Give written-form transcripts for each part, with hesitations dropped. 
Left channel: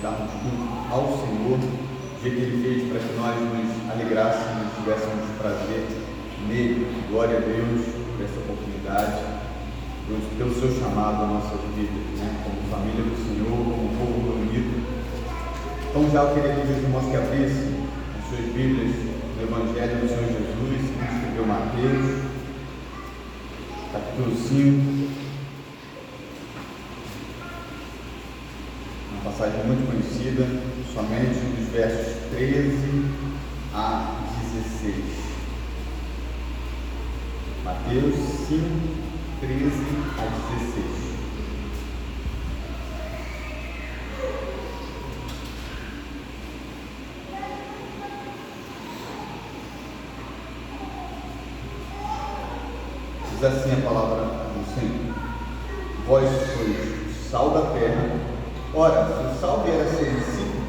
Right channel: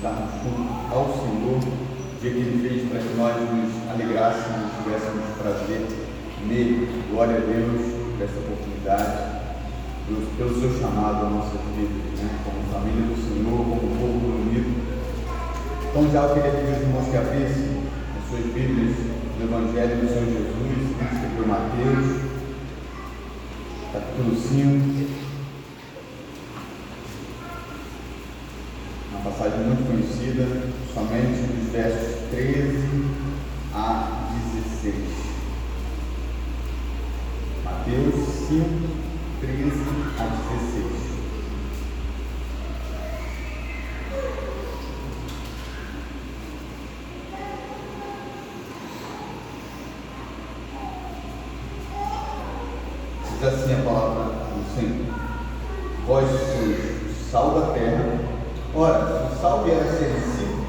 estarmos juntos ao Senhor, o dia que Ele fez para que nós nos alegrássemos e tivéssemos prazer nele. Glória a Deus por essa oportunidade, pelo seu chamado à nossa vida, como família do Senhor, como povo unido. Então já eu queria pedir aos irmãos que abrissem as suas Bíblias no Evangelho do Senhor Jesus, que escreveu Mateus, capítulo 5, uma passagem muito conhecida, somente dos versos 13 a 16. Mateus 5, 13 a 16. Diz assim a palavra do Senhor: vós sois o sal da terra. Ora, se o sal vier a ser insípido,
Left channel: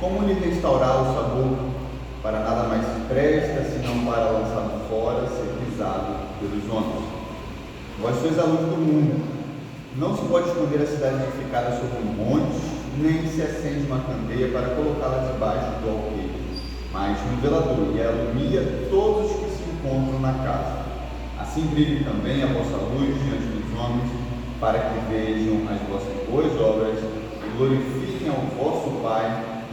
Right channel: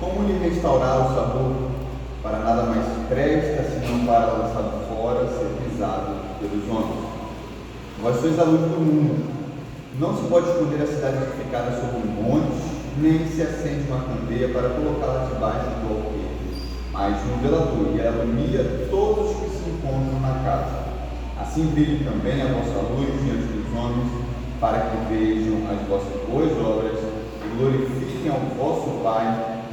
como lhe restaurar o sabor? Para nada mais se presta, senão para lançado fora, ser pisado pelos homens. Vós sois a luz do mundo. Não se pode esconder a cidade edificada sobre um monte, nem se acende uma candeia para colocá-la debaixo do alqueire, mas no velador, e alumia todos os que se encontram na casa. Assim brilhe também a vossa luz diante dos homens, para que vejam as vossas boas obras e glorifiquem ao vosso Pai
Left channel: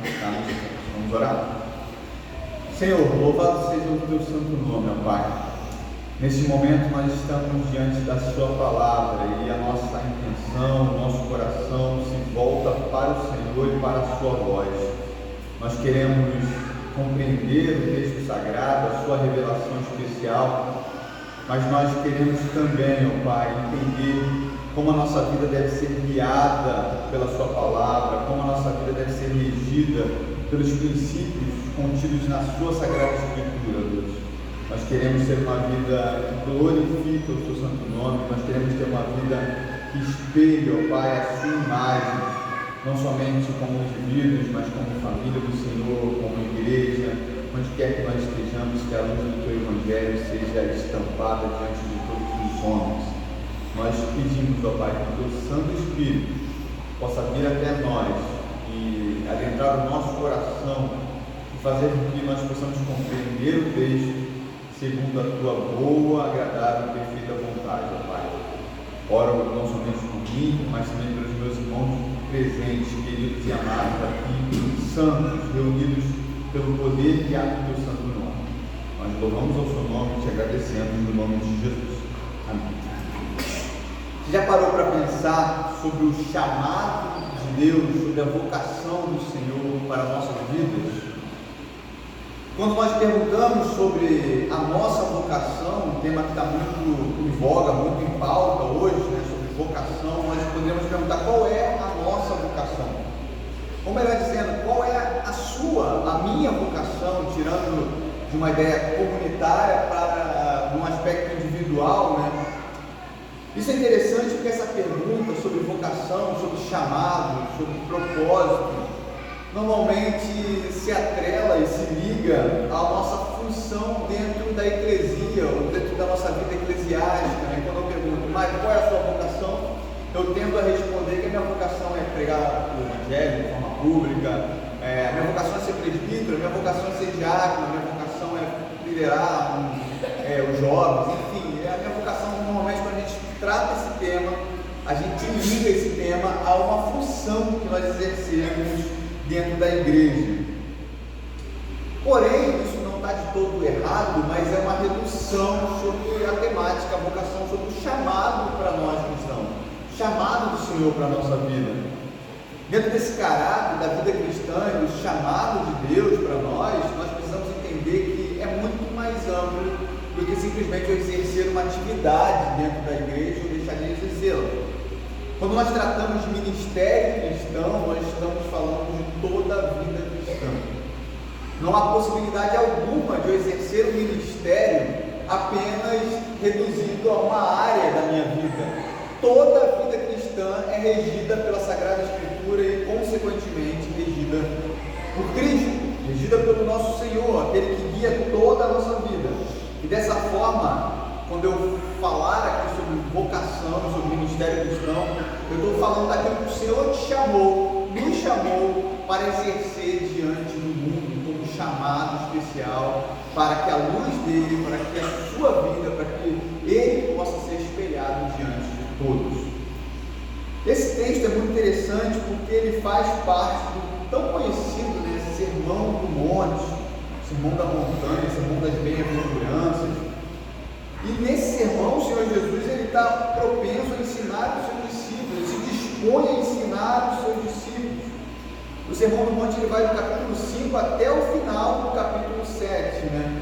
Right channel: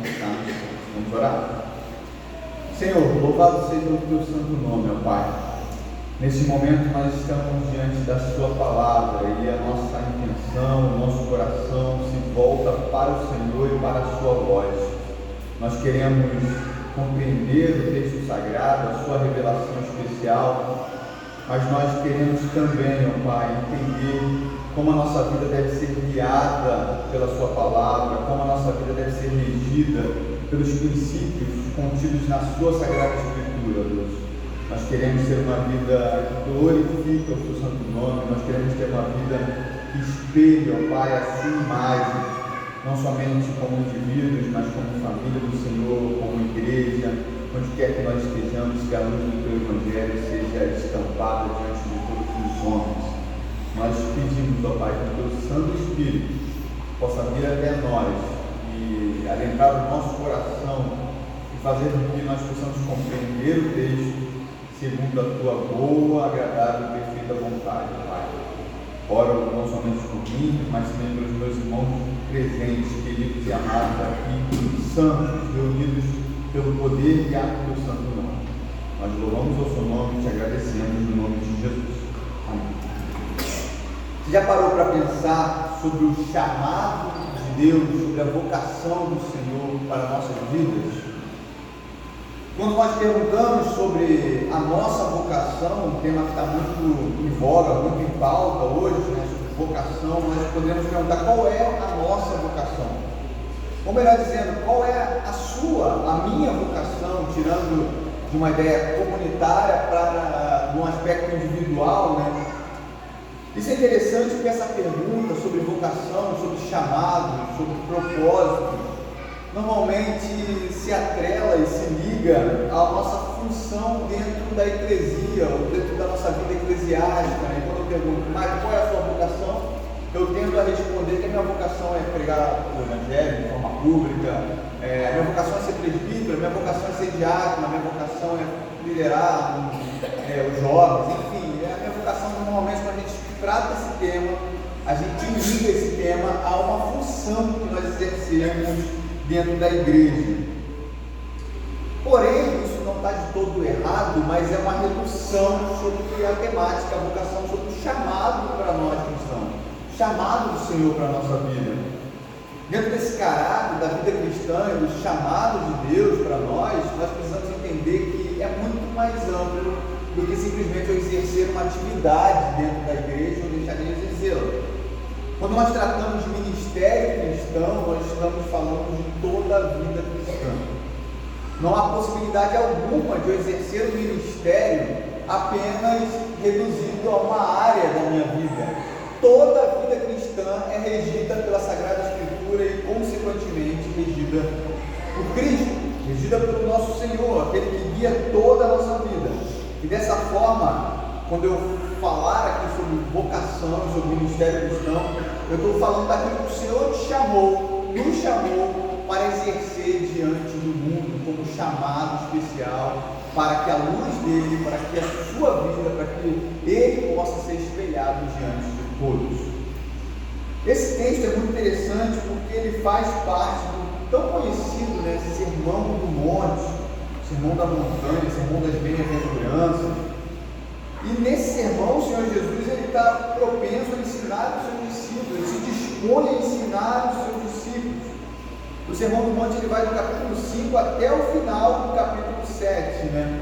que está nos céus. Vamos orar? Senhor, louvado seja o teu santo nome, ó Pai. Nesse momento nós estamos diante da sua palavra e a nossa intenção, o nosso coração se volta para o Senhor e para a sua voz. Nós queremos compreender o texto sagrado, a sua revelação especial, mas nós queremos também, ó Pai, entender como a nossa vida deve ser guiada pela sua palavra, como a nossa vida deve ser regida pelos princípios contidos na sua Sagrada Escritura, Deus. Nós queremos ter uma vida que glorifique o seu santo nome, nós queremos ter uma vida que espelhe, ó Pai, a sua imagem, não somente como indivíduos, mas como família do Senhor, como igreja, onde quer que nós estejamos, que a luz do teu Evangelho seja estampada diante de todos os homens. Nós pedimos, ó Pai, que o teu Santo Espírito possa vir até nós e adentrar o nosso coração e fazer com que nós possamos compreender o texto segundo a tua boa, agradável e perfeita vontade, ó Pai. Oro não somente por mim, mas também pelos meus irmãos presentes, queridos e amados aqui, santos, reunidos pelo poder e arte do santo nome. Nós louvamos ao seu nome e te agradecemos no nome de Jesus. Amém. Você já parou para pensar sobre o chamado de Deus, sobre a vocação do Senhor para nossas vidas? Quando nós perguntamos sobre a nossa vocação, um tema que está muito em voga, muito em pauta hoje, sobre vocação, nós podemos perguntar qual é a nossa vocação. Ou melhor dizendo, qual é a sua, a minha vocação, tirando de uma ideia comunitária para um aspecto individual, Isso é interessante porque essa pergunta sobre vocação, sobre chamado, sobre propósito, normalmente se atrela e se liga à nossa função dentro da eclesia, ou dentro da nossa vida eclesiástica. Quando eu pergunto, mas qual é a sua vocação? Eu tento a responder que a minha vocação é pregar o Evangelho de forma pública, a minha vocação é ser presbítero, a minha vocação é ser diácono, a minha vocação é liderar os jovens, enfim, a minha vocação normalmente, quando a gente trata esse tema, a gente liga esse tema a uma função que nós exercemos dentro da igreja. Porém, isso não está de todo errado, mas é uma redução sobre a temática, a vocação, sobre o chamado para nós cristãos, o chamado do Senhor para a nossa vida. Dentro desse caráter da vida cristã e do chamado de Deus para nós precisamos entender que é muito mais amplo do que simplesmente eu exercer uma atividade dentro da igreja ou deixar de exercê-la. Quando nós tratamos de ministério cristão, nós estamos falando de toda a vida cristã. Não há possibilidade alguma de eu exercer o ministério apenas reduzido a uma área da minha vida. Toda a vida cristã é regida pela Sagrada Escritura e, consequentemente, regida por Cristo, regida pelo nosso Senhor, aquele que guia toda a nossa vida. E dessa forma, quando eu falar aqui sobre vocação, sobre ministério cristão, eu estou falando daquilo que o Senhor te chamou nos chamou para exercer diante do mundo como chamado especial, para que a luz dele, para que a sua vida, para que ele possa ser espelhado diante de todos. Esse texto é muito interessante porque ele faz parte do tão conhecido, né, Sermão do Monte, Sermão da Montanha, Sermão das Bem-aventuranças. E nesse sermão, o Senhor Jesus está propenso a ensinar os seus discípulos, ele se dispõe a ensinar os seus discípulos. O Sermão do Monte ele vai do capítulo 5 até o final do capítulo 7, né?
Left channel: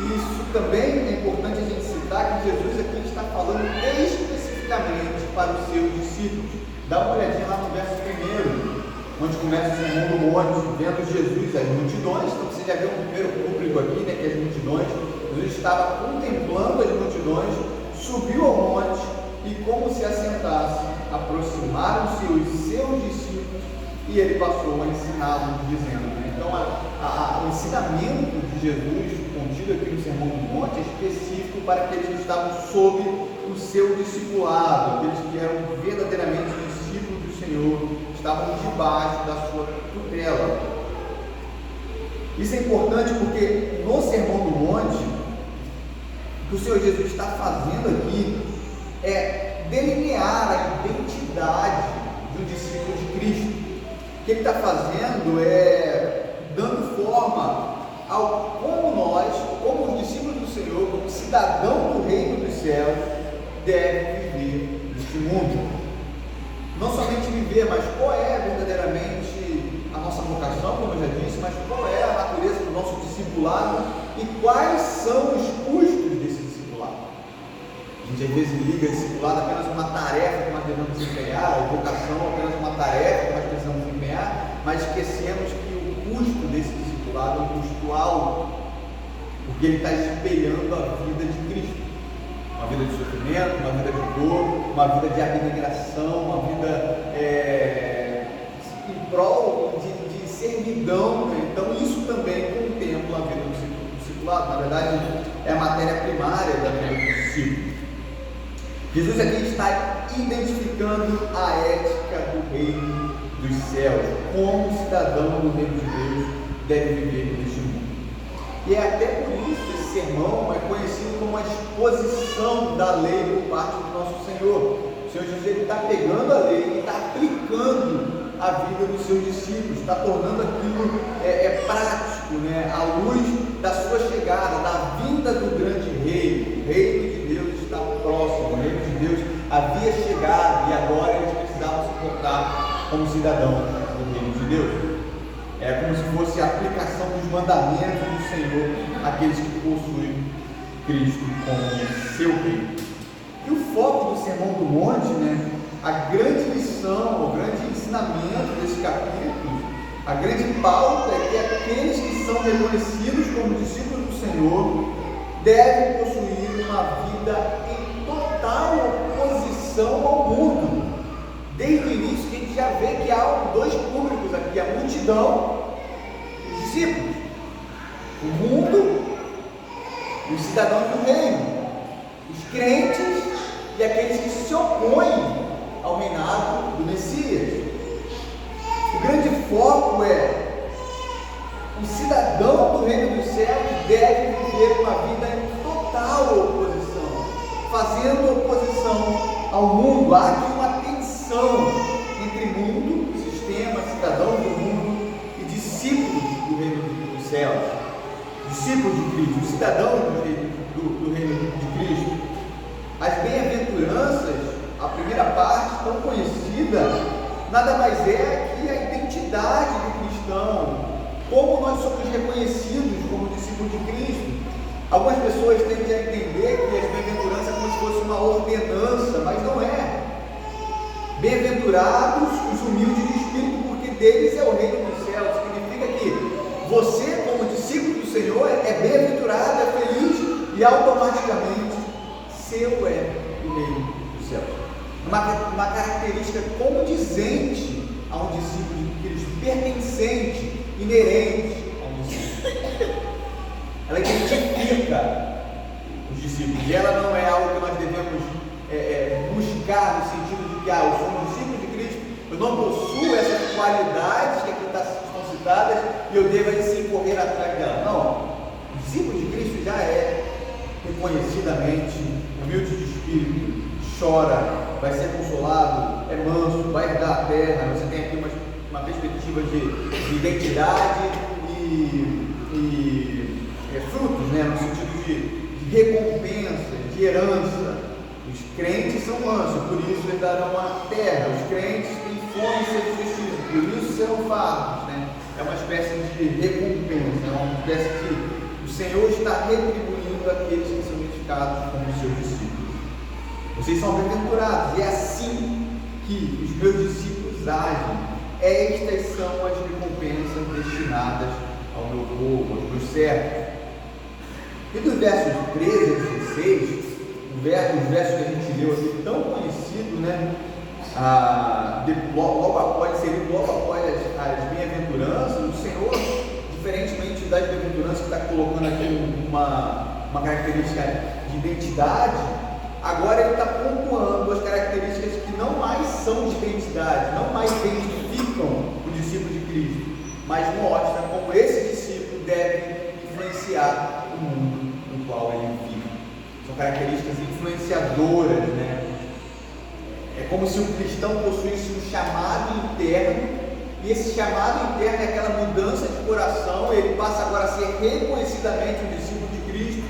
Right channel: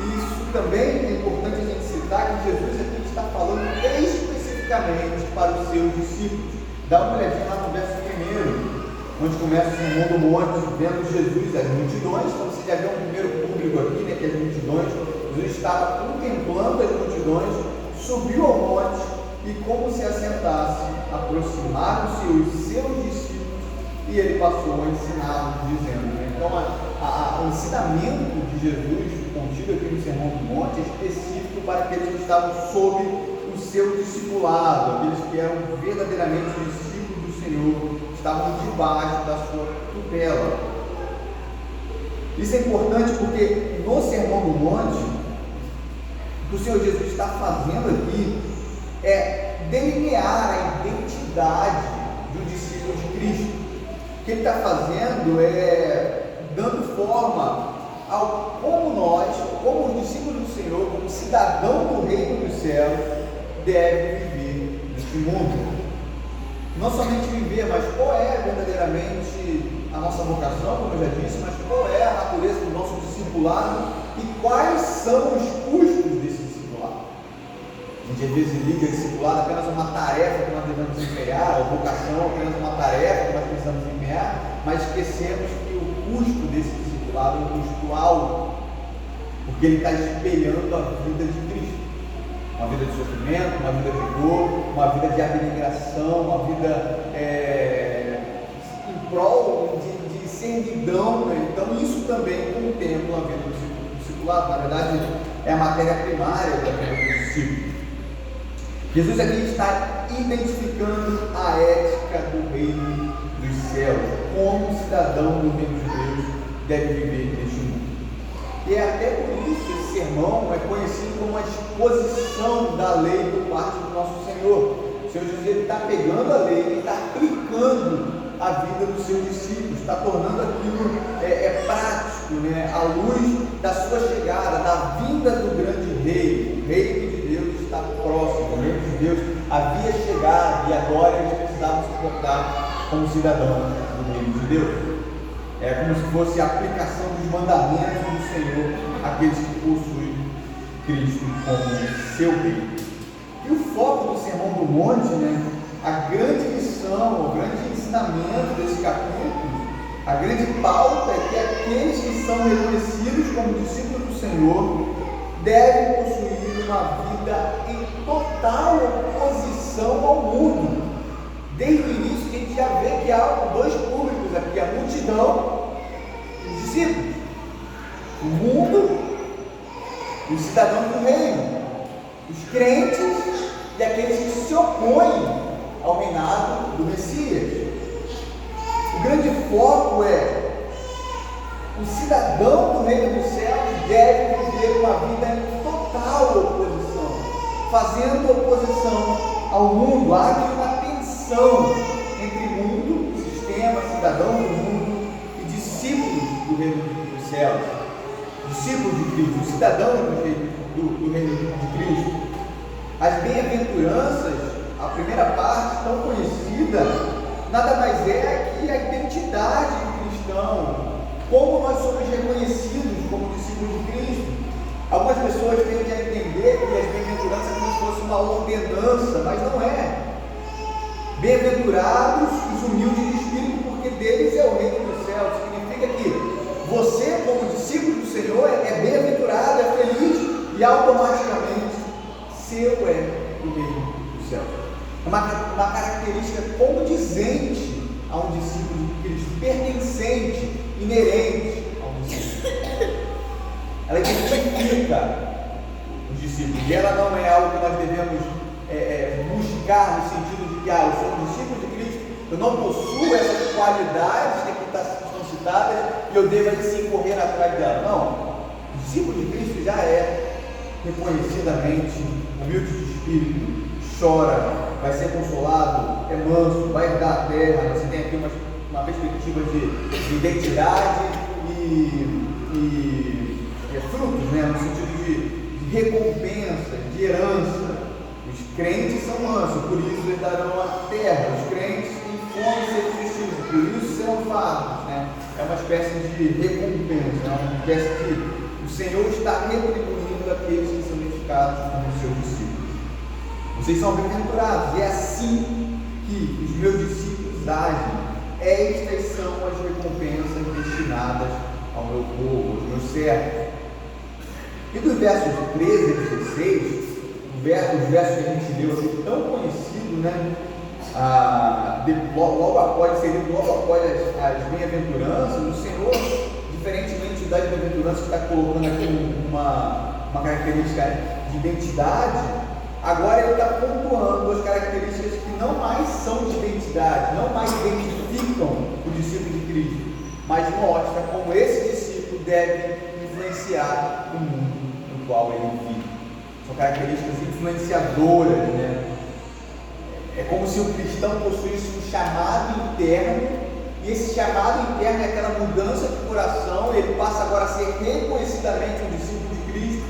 E isso também é importante a gente citar, que Jesus aqui está falando especificamente para os seus discípulos. Dá uma olhadinha lá no verso 1, onde começa o Sermão do Monte, vendo Jesus, as multidões. Então você já vê um primeiro público aqui, né, que as multidões. Jesus estava contemplando as multidões, subiu ao monte e, como se assentasse, aproximaram-se os seus discípulos e ele passou a ensiná-los, dizendo, né? Então o ensinamento de Jesus contido aqui no Sermão do Monte é específico para aqueles que estavam sob o seu discipulado, aqueles que eram verdadeiramente discípulos do Senhor, estavam debaixo da sua tutela. Isso é importante porque no Sermão do Monte, o que o Senhor Jesus está fazendo aqui é delinear a identidade de um discípulo de Cristo. O que ele está fazendo é dando forma ao como nós, como os discípulos do Senhor, como cidadão do reino dos céus, deve viver neste mundo. Não somente viver, mas qual é verdadeiramente a nossa vocação, como eu já disse, mas qual é a natureza do nosso discipulado e quais são os custos desse discipulado. A gente às vezes liga discipulado apenas a uma tarefa que nós devemos empenhar, ou vocação apenas uma tarefa que nós precisamos empenhar, mas esquecemos que o custo desse discipulado é um custo alto, porque ele está espelhando a vida de Cristo. Uma vida de sofrimento, uma vida de dor, uma vida de abnegação, uma vida em prol de servidão, né? Então isso também contempla a vida do discipulado. Na verdade, é a matéria primária da vida do discípulo. Jesus aqui está identificando a ética do reino dos céus, como cidadão do reino de Deus deve viver neste mundo. E é até por isso que esse sermão é conhecido como a exposição da lei por parte do nosso Senhor. O Senhor Jesus está pegando a lei e está aplicando a vida dos seus discípulos, está tornando aquilo prático, né? À luz da sua chegada, da vinda do grande rei. O reino de Deus está próximo, o reino de Deus havia chegado e agora eles precisavam se portar como cidadãos do reino de Deus. É como se fosse a aplicação dos mandamentos do Senhor àqueles que possuem Cristo como seu rei. E o foco do Sermão do Monte, né, a grande lição, o grande ensinamento desse capítulo, a grande pauta é que aqueles que são reconhecidos como discípulos do Senhor devem possuir uma vida em total oposição ao mundo. Desde o início a gente já vê que há dois públicos aqui, a multidão e os discípulos, o mundo e os cidadãos do reino, os crentes e aqueles que se opõem ao reinado do Messias. O grande foco é o cidadão do reino dos céus deve viver uma vida em total oposição, fazendo oposição ao mundo. Há aqui uma tensão entre mundo, sistema, cidadão do mundo e discípulos do reino dos céus, discípulos de Cristo, cidadão do reino de Cristo. As bem-aventuranças, a primeira parte tão conhecida, nada mais é que a identidade do cristão, como nós somos reconhecidos como discípulos de Cristo. Algumas pessoas tendem a entender que as bem-aventuranças é como se fosse uma ordenança, mas não é. Bem-aventurados os humildes de espírito, porque deles é o reino dos céus. Significa que você, como discípulo do Senhor, é bem-aventurado, é feliz e automaticamente seu é o reino dos céus. Uma característica condizente a um discípulo de Cristo, pertencente, inerente a um discípulo. Ela identifica os discípulos, e ela não é algo que nós devemos buscar no sentido de que eu sou um discípulo de Cristo, eu não possuo essas qualidades que aqui estão citadas e eu devo aí sim correr atrás dela. Não, o discípulo de Cristo já é reconhecidamente humilde de espírito, chora, vai ser consolado, é manso, vai herdar a terra. Você tem aqui uma perspectiva de identidade e frutos, né? No sentido de recompensa, de herança. Os crentes são mansos, por isso eles darão a terra. Os crentes têm fome e sede de justiça, por isso serão fartos, né? É uma espécie de recompensa, é uma espécie que o Senhor está retribuindo aqueles que são identificados como seus discípulos. Vocês são bem-aventurados, e é assim que os meus discípulos agem. Estas são as recompensas destinadas ao meu povo, aos meus servos. E dos versos 13 a 16, os versos que a gente leu aqui, tão conhecido, né? Logo após as bem-aventuranças, o Senhor, diferentemente das bem-aventuranças que está colocando aqui uma característica de identidade, agora ele está pontuando as características que não mais são de identidade, não mais identificam o discípulo de Cristo, mas mostra como esse discípulo deve influenciar o mundo no qual ele vive. São características influenciadoras, né? É como se o cristão possuísse um chamado interno, e esse chamado interno é aquela mudança de coração. Ele passa agora a ser reconhecidamente um discípulo de Cristo,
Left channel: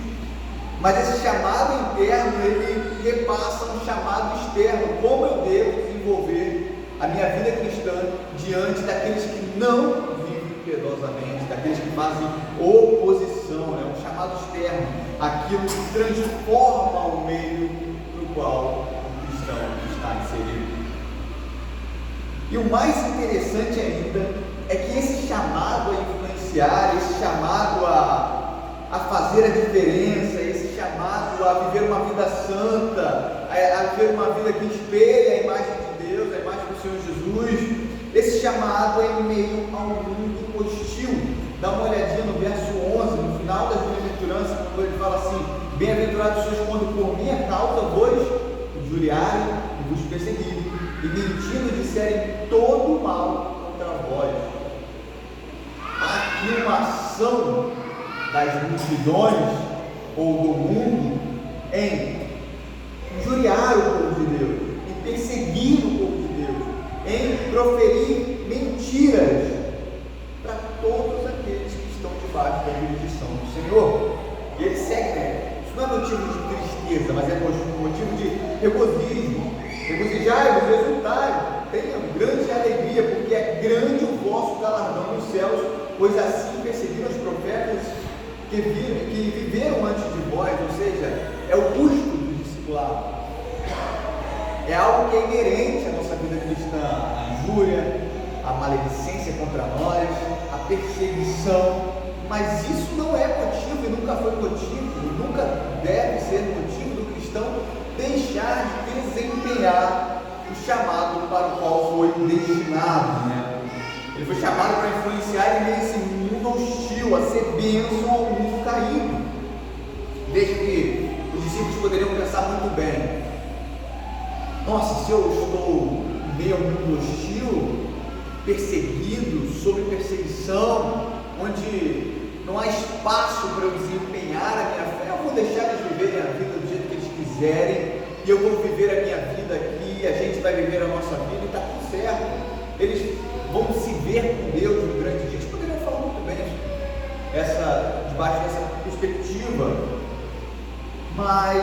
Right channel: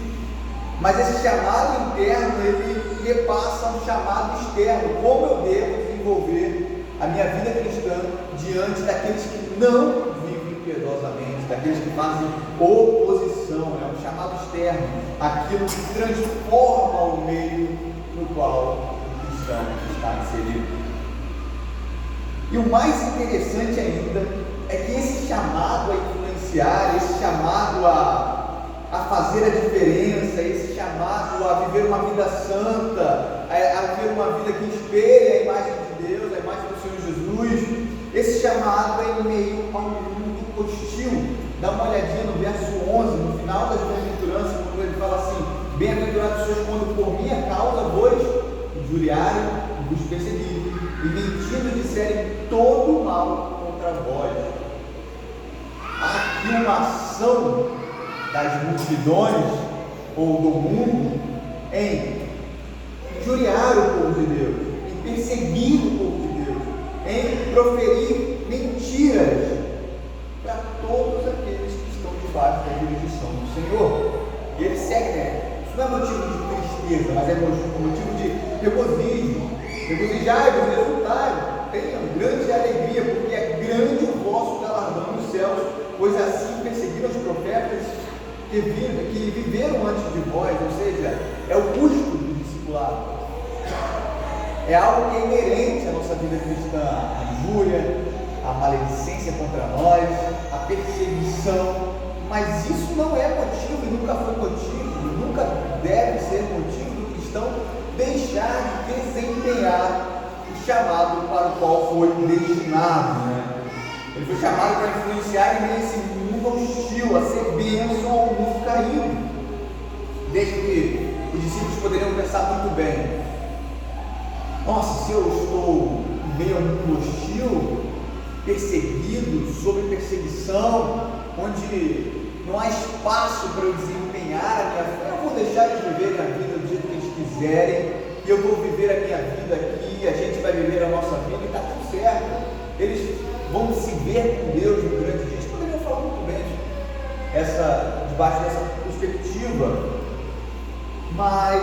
mas esse chamado interno, ele repassa um chamado externo. Como eu devo desenvolver a minha vida cristã diante daqueles que não vivem piedosamente, daqueles que fazem oposição? É um chamado externo, aquilo que transforma o meio no qual o cristão está inserido. E o mais interessante ainda é que esse chamado a influenciar, esse chamado a fazer a diferença, esse chamado a viver uma vida santa, a viver uma vida que espelhe a imagem de Deus, a imagem do Senhor Jesus, esse chamado é em meio a um mundo hostil. Dá uma olhadinha no verso 11, no final das bem-aventuranças, quando ele fala assim: bem-aventurados sois quando por minha causa vos injuriarem e vos perseguirem, e mentindo disserem todo mal contra vós. Há aqui uma ação das multidões ou do mundo em injuriar o povo de Deus, em perseguir o povo de Deus, em proferir mentiras para todos aqueles que estão debaixo da jurisdição do Senhor. E ele segue, né? Isso não é motivo de tristeza, mas é motivo de regozijo. Regozijai-vos, exultai, tenham grande alegria, porque é grande o vosso galardão nos céus, pois assim perseguiram os profetas que viveram antes de vós. Ou seja, é o custo do discipulado, é algo que é inerente à nossa vida cristã: a injúria, a maledicência contra nós, a perseguição. Mas isso não é motivo, e nunca foi motivo, e nunca deve ser motivo do cristão deixar de desempenhar o chamado para o qual foi destinado, né? Ele foi chamado para influenciar em meio a esse mundo hostil, a ser bênção ao mundo caído. Desde que os discípulos poderiam pensar muito bem: nossa, se eu estou em meio a um mundo hostil, perseguido, sob perseguição, onde não há espaço para eu desempenhar a minha fé, eu vou deixar eles viverem a vida do jeito que eles quiserem, e eu vou viver a minha vida aqui, a gente vai viver a nossa vida e está tudo certo. Eles vão se ver com Deus no grande dia. Eles poderiam falar muito bem debaixo dessa perspectiva, mas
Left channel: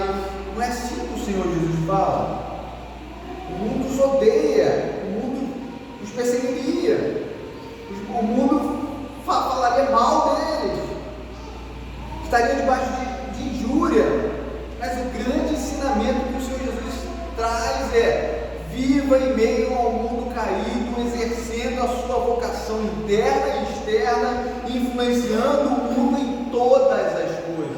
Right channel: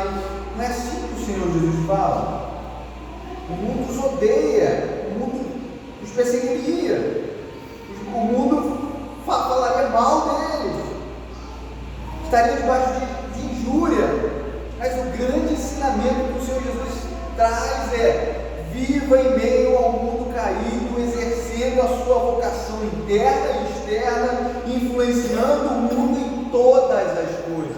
não é assim que o Senhor Jesus fala. O mundo os odeia, o mundo os perseguiria, o mundo falaria mal deles, estaria debaixo de injúria. Mas o grande ensinamento que o Senhor Jesus traz é: viva em meio ao mundo caído, exercendo a sua vocação interna e externa, influenciando o mundo em todas as coisas,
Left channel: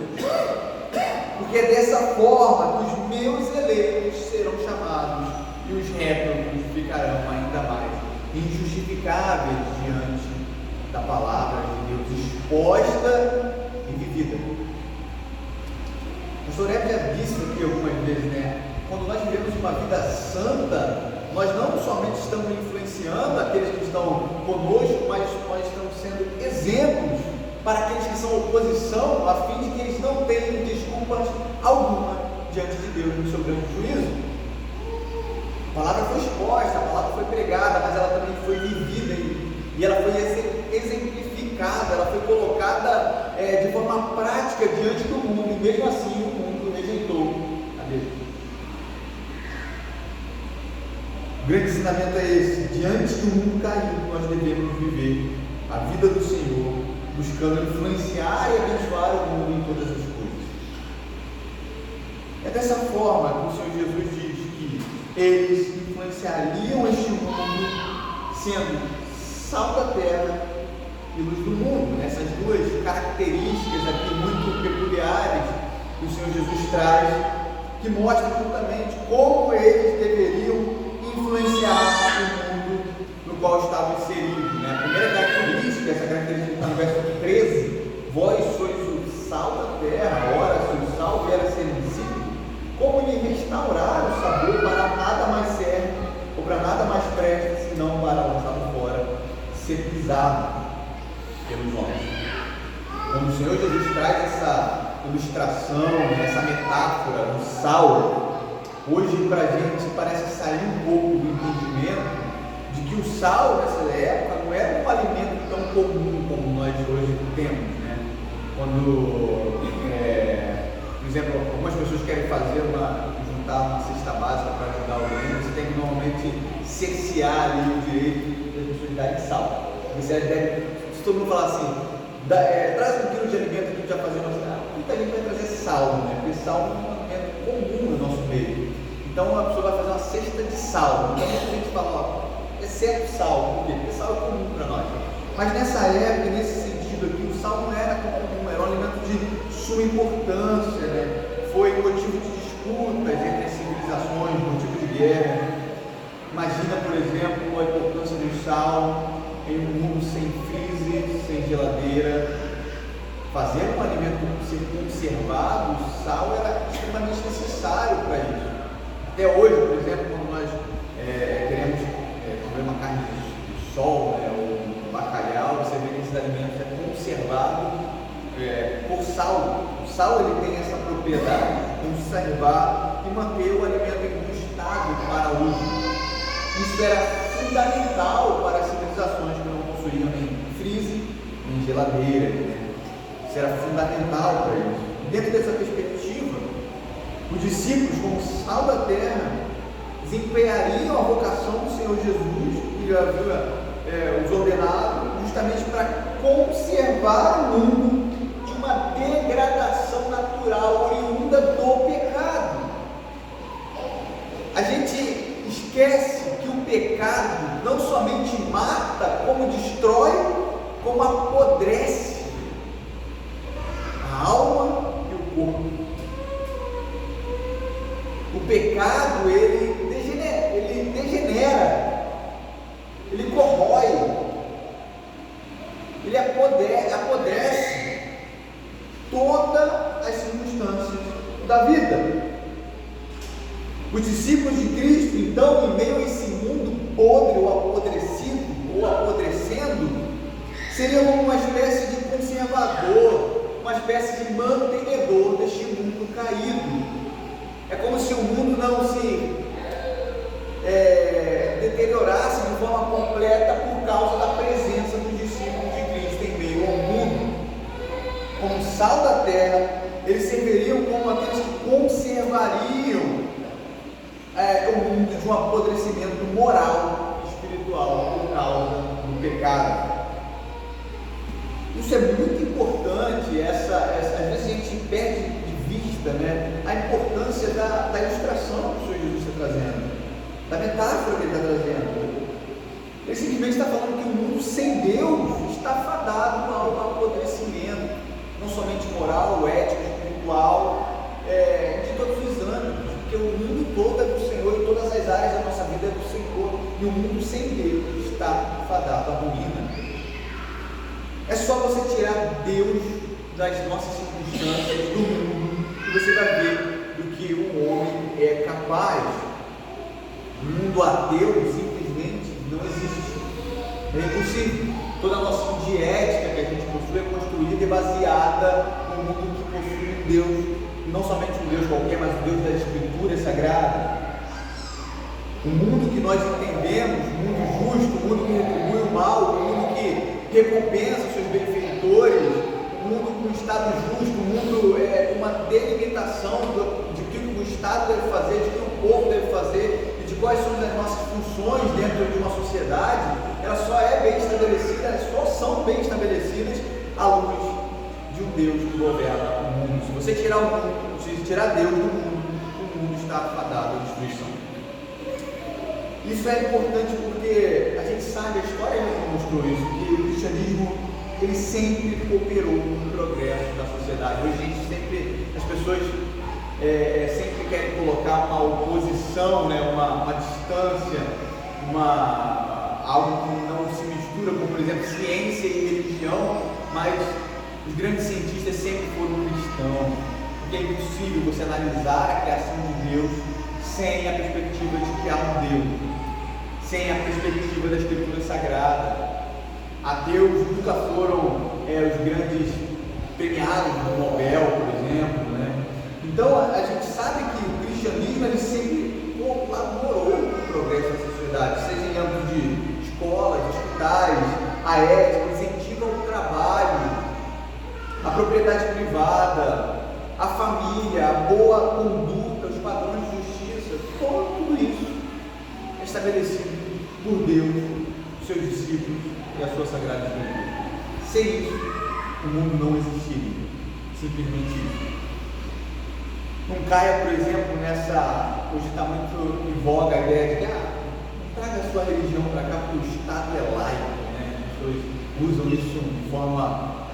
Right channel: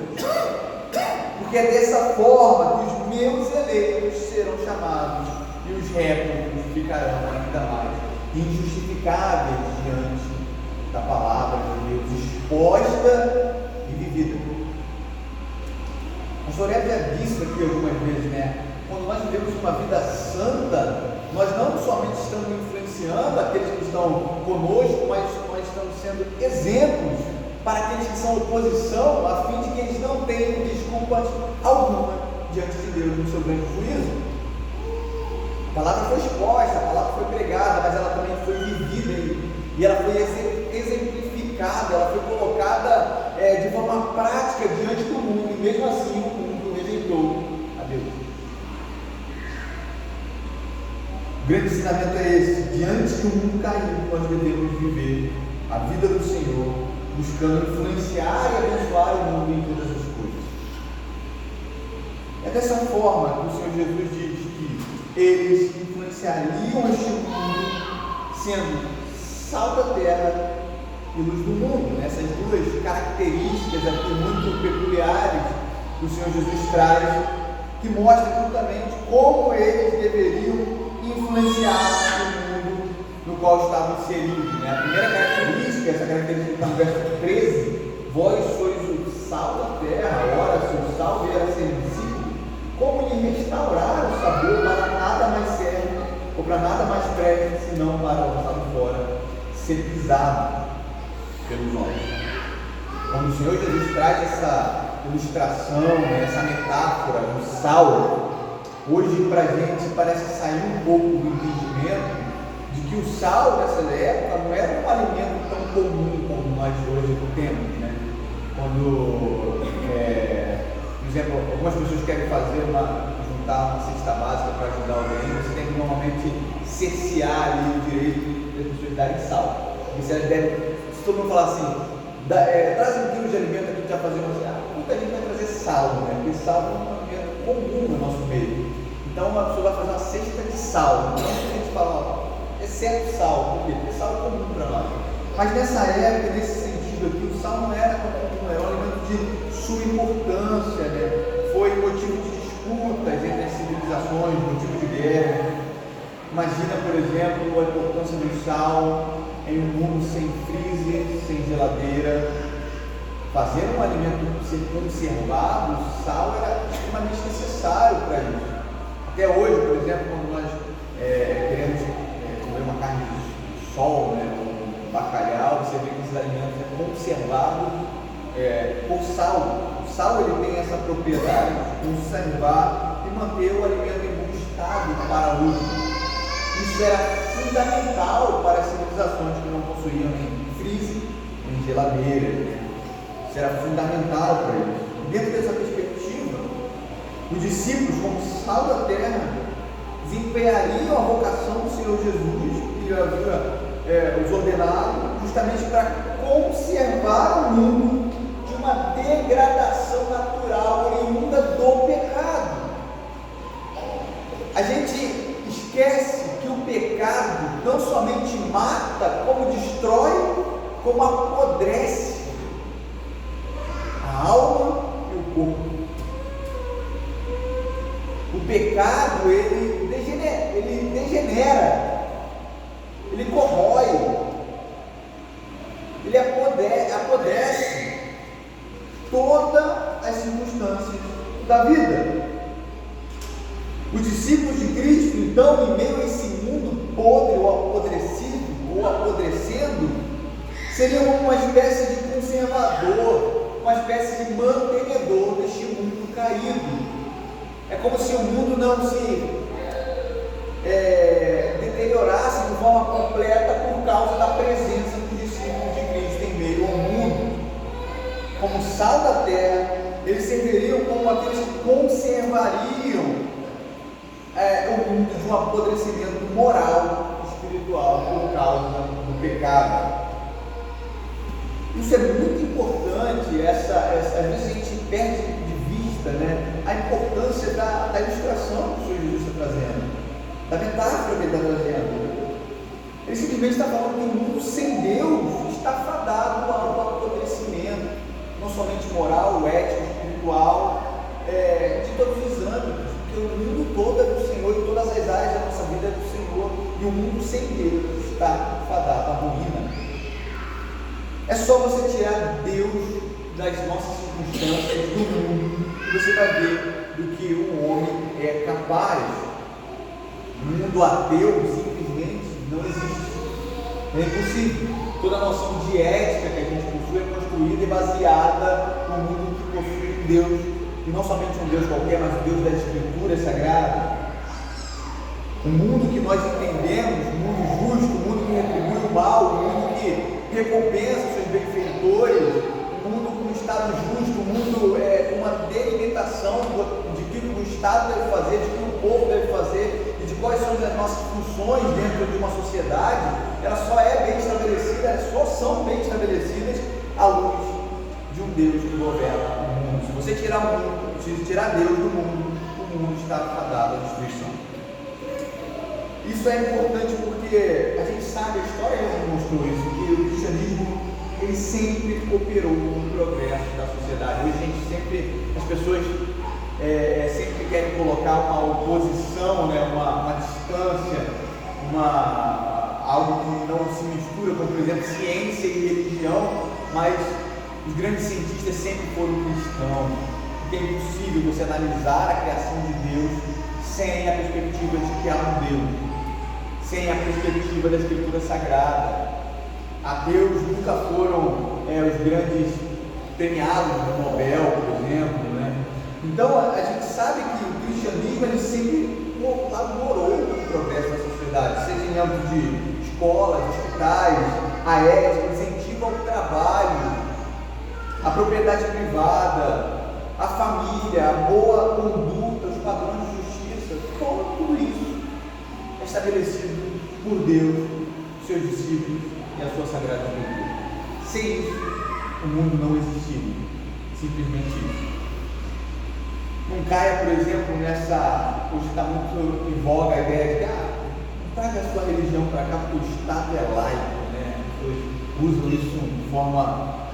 porque é dessa forma que os meus eleitos serão chamados e os réprobos ficarão ainda mais injustificáveis diante da palavra de Deus exposta e vivida. O pastor Hélio já disse aqui algumas vezes, né? Quando nós vivemos uma vida santa, nós não somente estamos influenciando influenciando aqueles que estão conosco, mas nós estamos sendo exemplos para aqueles que são oposição, a fim de que eles não tenham desculpas alguma diante de Deus no seu grande juízo. A palavra foi exposta, a palavra foi pregada, mas ela também foi vivida e ela foi exemplificada, ela foi colocada de forma prática diante do mundo, e mesmo assim o mundo rejeitou a Deus. O grande ensinamento é esse: diante do mundo caído, nós devemos viver a vida do Senhor, buscando influenciar e abençoar o mundo em todas as coisas. É dessa forma que o Senhor Jesus diz que eles influenciariam este mundo, sendo sal da terra e luz do mundo. Essas duas características aqui muito peculiares que o Senhor Jesus traz, que mostram justamente como eles deveriam influenciar o mundo no qual estavam inseridos. A primeira característica, essa característica está no verso 13: vós sois o sal da terra. Ora, se o sal vier a ser insípido, como lhe restaurar o sabor? Para nada mais serve, ou para nada mais preste, senão para o estado fora ser pisado pelos homens. Quando o Senhor Jesus traz essa ilustração, essa metáfora, o sal, hoje para a gente parece sair um pouco do entendimento de que o sal nessa época não era um alimento tão comum como nós hoje temos, Quando, por exemplo, algumas pessoas querem juntar uma cesta básica para ajudar alguém, você tem que normalmente cercear ali o direito das pessoas darem sal. E se elas devem, se todo mundo falar assim, traz um quilo de alimento aqui, já fazemos assim, muita gente vai trazer sal, porque sal é comum no nosso meio. Então a pessoa vai fazer uma cesta de sal. Então a gente fala, exceto sal, por quê? Porque sal é comum para nós. Mas nessa época, nesse sentido aqui, o sal não era comum, era um alimento de suma importância, Foi motivo de disputas entre as civilizações, motivo de guerra. Imagina, por exemplo, a importância do sal em um mundo sem freezer, sem geladeira. Fazer um alimento ser conservado, o sal era extremamente necessário para isso. Até hoje, por exemplo, quando nós queremos comer uma carne de sol, ou um bacalhau, você vê que esses alimentos é conservado por sal. O sal ele tem essa propriedade de conservar e manter o alimento em bom estado para uso. Isso era fundamental para as civilizações que não possuíam nem freezer, nem geladeira. Isso era fundamental para eles. Dentro dessa perspectiva, os discípulos, como sal da terra, desempenhariam a vocação do Senhor Jesus, que havia os ordenado, justamente para conservar o mundo de uma degradação natural oriunda do pecado. A gente esquece que o pecado não somente mata, como destrói, como apodrece a alma e o corpo. O pecado, ele degenera, ele corrói, ele apodrece todas as circunstâncias da vida. Os discípulos de Cristo, então, em meio a esse mundo podre ou apodrecido, ou apodrecendo, seriam uma espécie de conservador, uma espécie de mantenedor deste mundo caído. É como se o mundo não se deteriorasse de forma completa por causa da presença dos discípulos de Cristo em meio ao mundo. Como sal da terra, eles serviriam como aqueles que conservariam o mundo de um apodrecimento moral e espiritual por causa do pecado. Isso é muito importante. Às vezes a gente perde de vista a importância da ilustração que o Senhor Jesus está trazendo, da metáfora que ele está trazendo. Ele simplesmente está falando que o mundo sem Deus está fadado ao apodrecimento, não somente moral, ético, espiritual, de todos os âmbitos, porque o mundo todo é do Senhor e todas as áreas da nossa vida é do Senhor, e o mundo sem Deus está fadado à ruína. É só você tirar Deus das nossas circunstâncias, do mundo, e você vai ver do que o homem é capaz. O mundo ateu simplesmente Não existe. É impossível. Toda a noção de ética que a gente possui é construída e baseada no mundo que possui um Deus, e não somente um Deus qualquer, mas o Deus da Escritura Sagrada. O mundo que nós entendemos, um mundo justo, um mundo que retribui o mal, um mundo que recompensa os seus benfeitores, um mundo com um Estado justo, um mundo com uma delimitação de que o Estado deve fazer, de que o povo deve fazer e de quais são as nossas funções dentro de uma sociedade. Elas só é bem estabelecida, elas só são bem estabelecidas à luz de um Deus que governa o mundo. Se você tirar o mundo, se tirar Deus do mundo, o mundo está fadado à destruição. Isso é importante porque a gente sabe, a história já mostrou isso, que o cristianismo ele sempre cooperou no progresso da sociedade. Hoje as pessoas sempre querem colocar uma oposição, né, uma distância, algo que não se mistura com, por exemplo, ciência e religião, mas os grandes cientistas sempre foram cristãos, porque é impossível você analisar a criação de Deus sem a perspectiva de que há um Deus, sem a perspectiva da Escritura Sagrada. Ateus nunca foram os grandes premiados do Nobel, por exemplo, né? Então a gente sabe que o cristianismo ele sempre colaborou com o progresso da sociedade, seja em âmbito de escolas, hospitais, a ética, incentiva o trabalho, a propriedade privada, a família, a boa conduta, os padrões de justiça, tudo isso é estabelecido por Deus, seus discípulos e a sua Sagrada Escritura. Sem isso, o mundo não existiria. Simplesmente isso. Não caia, por exemplo, hoje está muito em voga a ideia de não traga a sua religião para cá porque o Estado é laico, né? As pessoas usam isso de forma,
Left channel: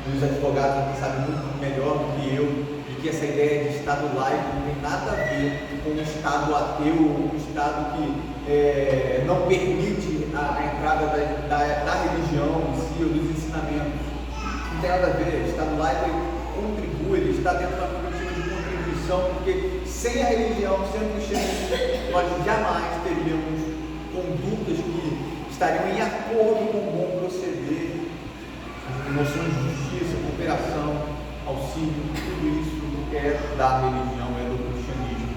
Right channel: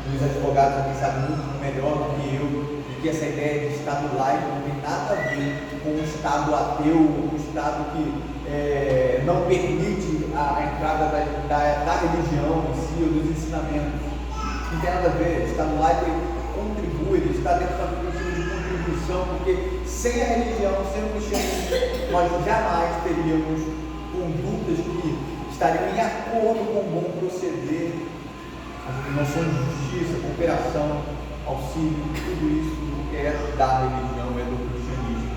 os advogados aqui sabem muito melhor do que eu, de que essa ideia de Estado laico não tem nada a ver com um Estado ateu, um Estado que não permite a entrada da religião em si, ou dos ensinamentos. Não tem nada a ver. O Estado laico ele contribui, ele está dentro da perspectiva de contribuição, porque sem a religião, sem o cristianismo, nós jamais teríamos condutas que estariam em acordo com o bom proceder, as noções de justiça, cooperação, auxílio, tudo isso é da religião, é do cristianismo.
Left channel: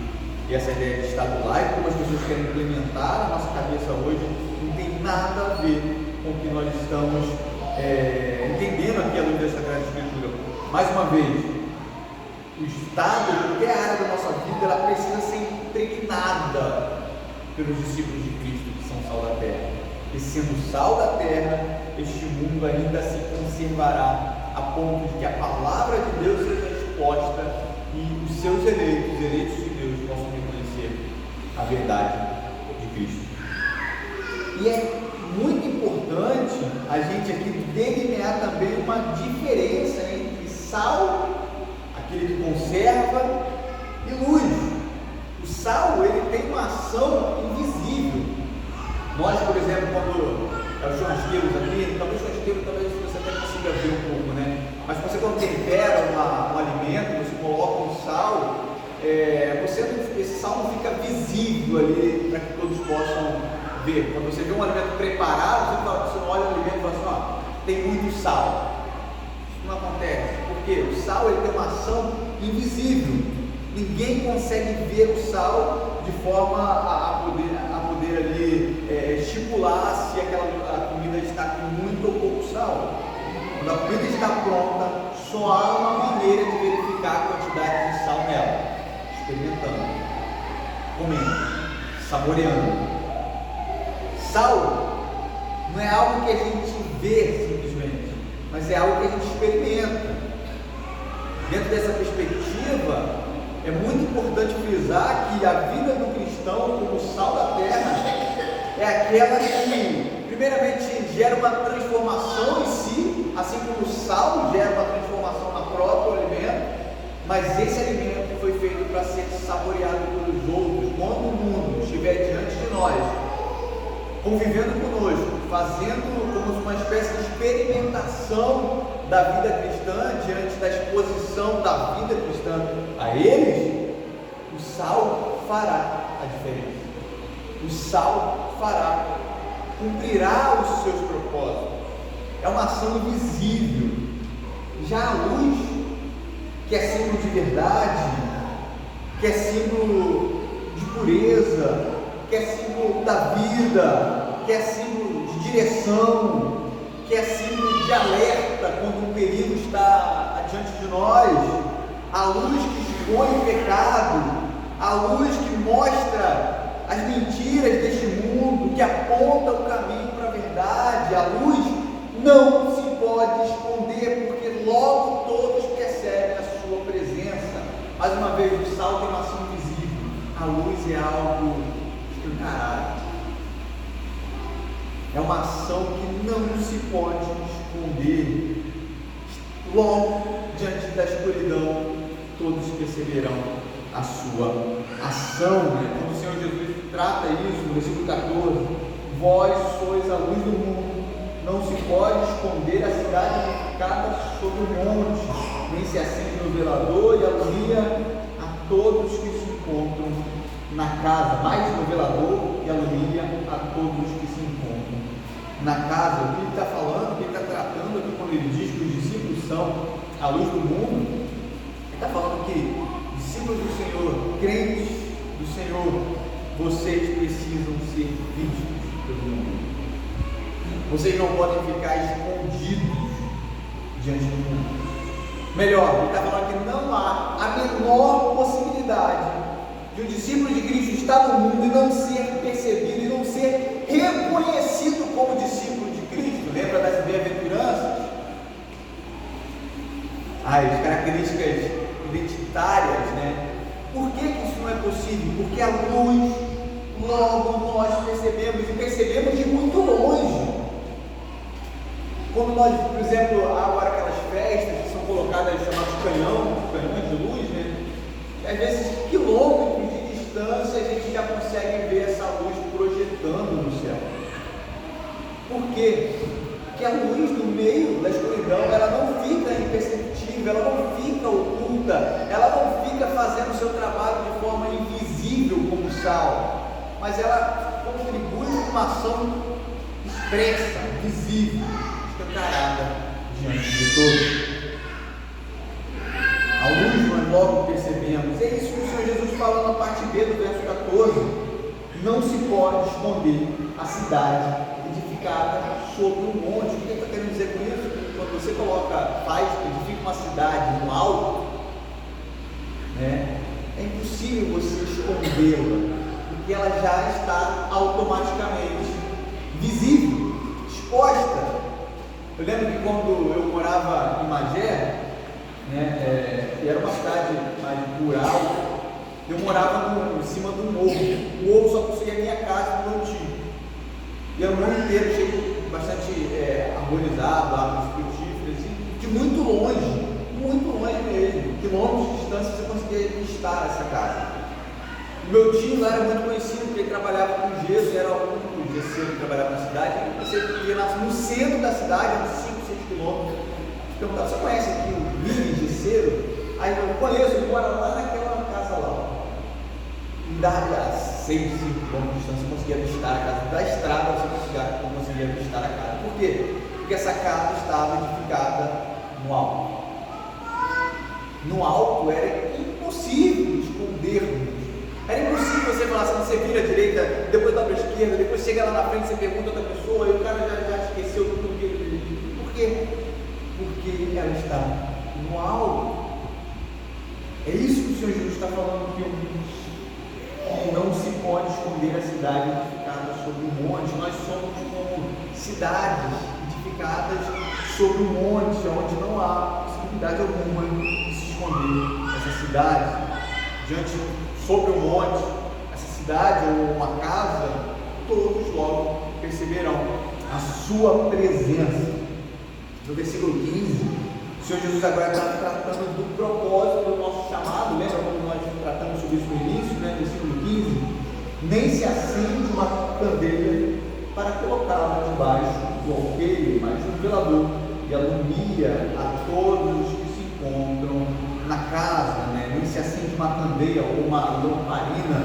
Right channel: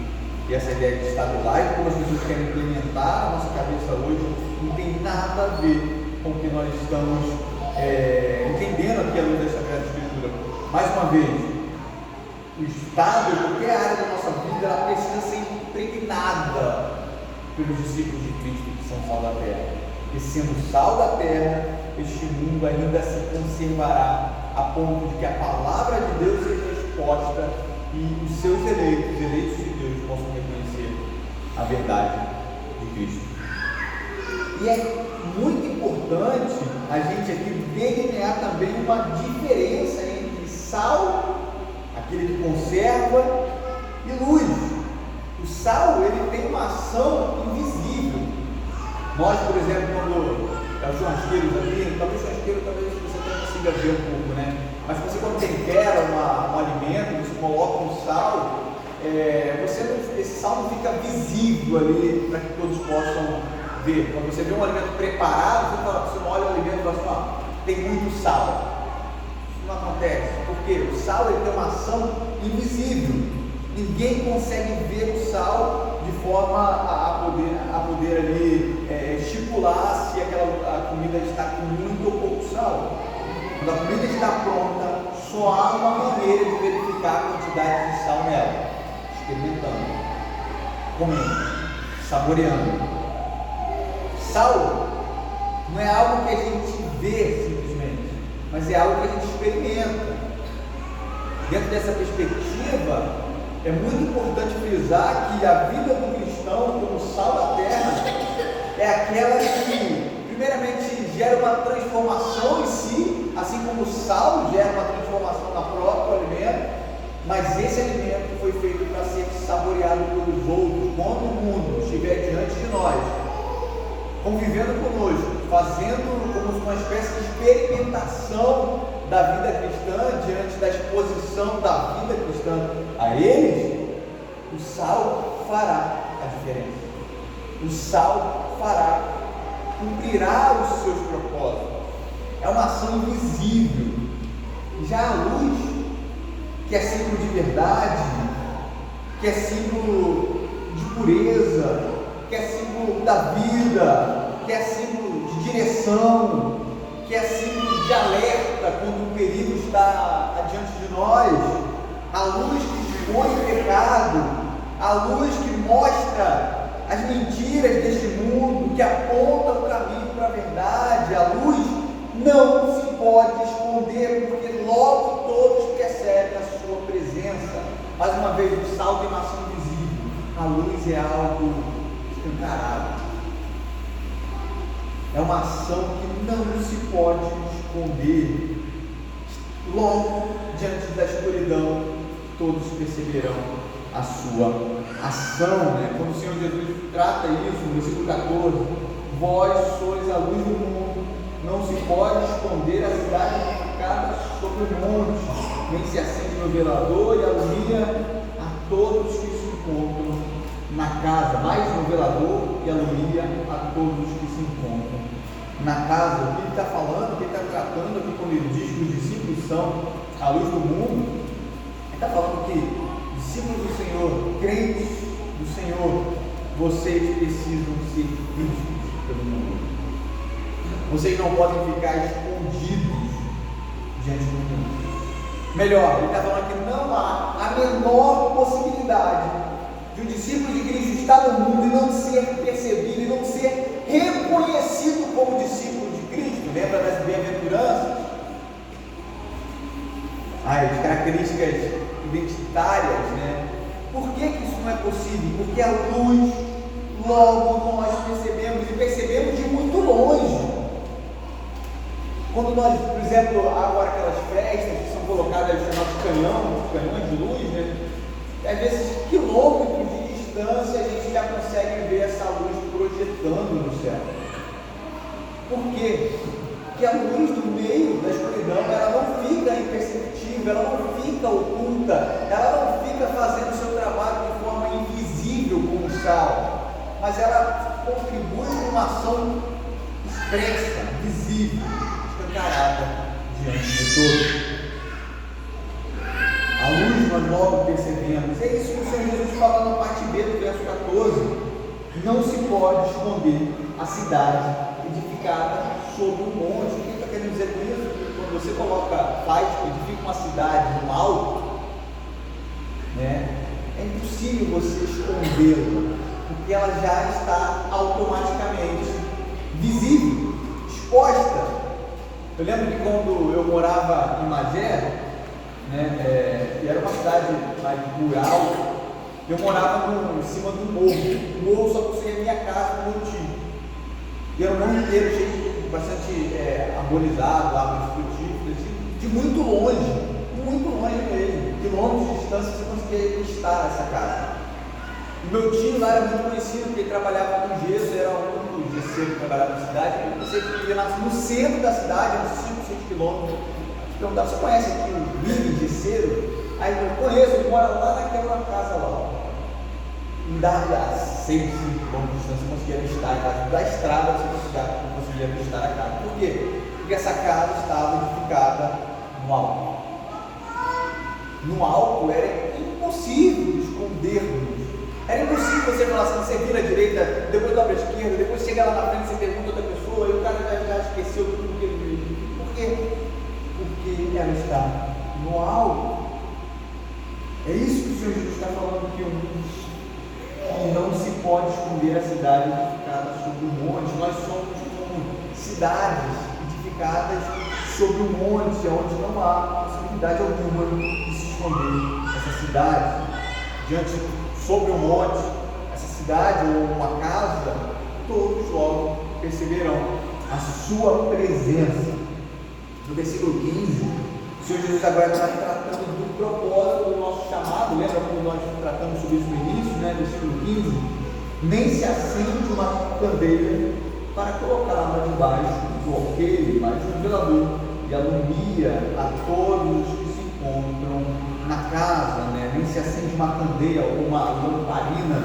E essa ideia de Estado laico, como as pessoas querem implementar na nossa cabeça hoje, não tem nada a ver com o que nós estamos entendendo aqui à luz da Sagrada Escritura. Mais uma vez, o Estado, qualquer área da nossa vida, ela precisa ser impregnada pelos discípulos de Cristo que são sal da terra. E sendo sal da terra, este mundo ainda se conservará a ponto de que a palavra de Deus seja exposta e os seus eleitos de Deus, possam reconhecer a verdade de Cristo. E é muito importante a gente aqui delinear também uma diferença entre sal, aquele que conserva, e luz. O sal, ele tem uma ação invisível. Nós, por exemplo, quando os churrasqueiros aqui, talvez você até consiga ver um pouco, né? Mas você quando tempera um alimento, você coloca um sal, esse sal não fica visível ali para que todos possam ver. Quando você vê um alimento preparado, você não olha o alimento e fala assim, tem muito sal. Isso não acontece, porque o sal ele tem uma ação invisível. Ninguém consegue ver o sal de forma a poder ali estipular se a comida está com muito ou pouco sal. Quando a comida está pronta, só há uma maneira de verificar a quantidade de sal nela: experimentando, comendo, saboreando. Sal não é algo que a gente vê simplesmente, mas é algo que a gente experimenta. Dentro dessa perspectiva, é muito importante frisar que a vida do cristão, como sal da terra, é aquela que, primeiramente, gera uma transformação em si, assim como o sal gera uma transformação na próprio alimento, mas esse alimento foi feito para ser saboreado pelos outros, quando o mundo estiver diante de nós, convivendo conosco, fazendo como uma espécie de experimentação da vida cristã, diante da exposição da vida cristã a eles, o sal fará a diferença. O sal fará cumprirá os seus propósitos. É uma ação invisível. Já a luz, que é símbolo de verdade, que é símbolo de pureza, que é símbolo da vida, que é símbolo de direção, que é símbolo de alerta quando o perigo está adiante de nós, a luz que expõe o pecado, a luz que mostra as mentiras deste mundo, que aponta o caminho para a verdade. A luz não se pode esconder, porque logo todos percebem a sua presença. Mais uma vez, o sal tem uma ação invisível, a luz é algo escancarado, é uma ação que não se pode esconder. Logo, diante da escuridão, todos perceberão a sua ação, Como o Senhor Jesus trata isso no versículo 14: vós sois a luz do mundo, não se pode esconder a cidade edificada sobre o monte, nem se acende no velador e alumia a todos que se encontram na casa. Mais no velador e alumia a todos que se encontram na casa. O que ele está falando, o que ele está tratando aqui quando ele diz que os discípulos são a luz do mundo, ele está falando que discípulos do Senhor, crentes do Senhor, vocês precisam ser vistos pelo mundo. Vocês não podem ficar escondidos diante do mundo. Melhor, ele está falando que não há a menor possibilidade de um discípulo de Cristo estar no mundo e não ser percebido e não ser reconhecido como discípulo de Cristo. Lembra das bem-aventuranças? As características identitárias, Por que isso não é possível? Porque a luz, logo nós percebemos, e percebemos de muito longe. Quando nós, por exemplo, agora aquelas festas que são colocadas, chamadas canhões de luz, às vezes quilômetros de distância a gente já consegue ver essa luz projetando no céu. Por quê? Porque a luz no meio da escuridão, ela não fica imperceptível, ela não fica oculta, ela não fica fazendo o seu trabalho de forma invisível como o sal, mas ela contribui com uma ação expressa, visível, escancarada diante de todos. A luz, nós logo percebemos. É isso que o Senhor Jesus fala na parte B do verso 14: não se pode esconder a cidade edificada sobre um monte. O que ele está querendo dizer com isso? Que quando você edifica uma cidade no alto, é impossível você escondê-la, porque ela já está automaticamente visível, exposta. Eu lembro que quando eu morava em Magé, que era uma cidade mais rural, eu morava em cima de um morro. O morro só conseguia a minha casa no meu tio. E era um morro inteiro cheio de bastante arborizado, árvores frutíferas, de muito longe mesmo, quilômetros de distância, você conseguia estar nessa casa. O meu tio lá era muito conhecido, porque ele trabalhava com gesso, era o único gesseiro que trabalhava na cidade. Você vivia no centro da cidade, uns 5, 6 quilômetros. Perguntava: você conhece aqui o Vini gesseiro? Aí eu conheço, ele mora lá naquela casa lá. Em a 6, 5 quilômetros de distância, você conseguia avistar a casa. Da estrada você não conseguia avistar a casa. Por quê? Porque essa casa estava edificada no alto. No alto era impossível escondermos. Era impossível você falar assim: você vira à direita, depois dobra à esquerda, depois chega lá na frente, você pergunta a outra pessoa, e o cara já esqueceu tudo que ele viu. Por quê? Porque ela está no alto. É isso que o Senhor Jesus está falando aqui. Que não se pode esconder a cidade edificada sobre um monte. Nós somos como cidades edificadas sobre um monte, onde não há possibilidade alguma de se esconder. Essa cidade, sobre um monte, essa cidade ou uma casa, todos logo perceberão a sua presença. No versículo 15, o Senhor Jesus agora está tratando do propósito do nosso chamado. Lembra quando nós tratamos sobre isso no início, versículo 15? Nem se acende uma candeia para colocá-la debaixo do alqueire, mas no velador, e alumia a todos que se encontram na casa. Nem se acende uma candeia ou uma lamparina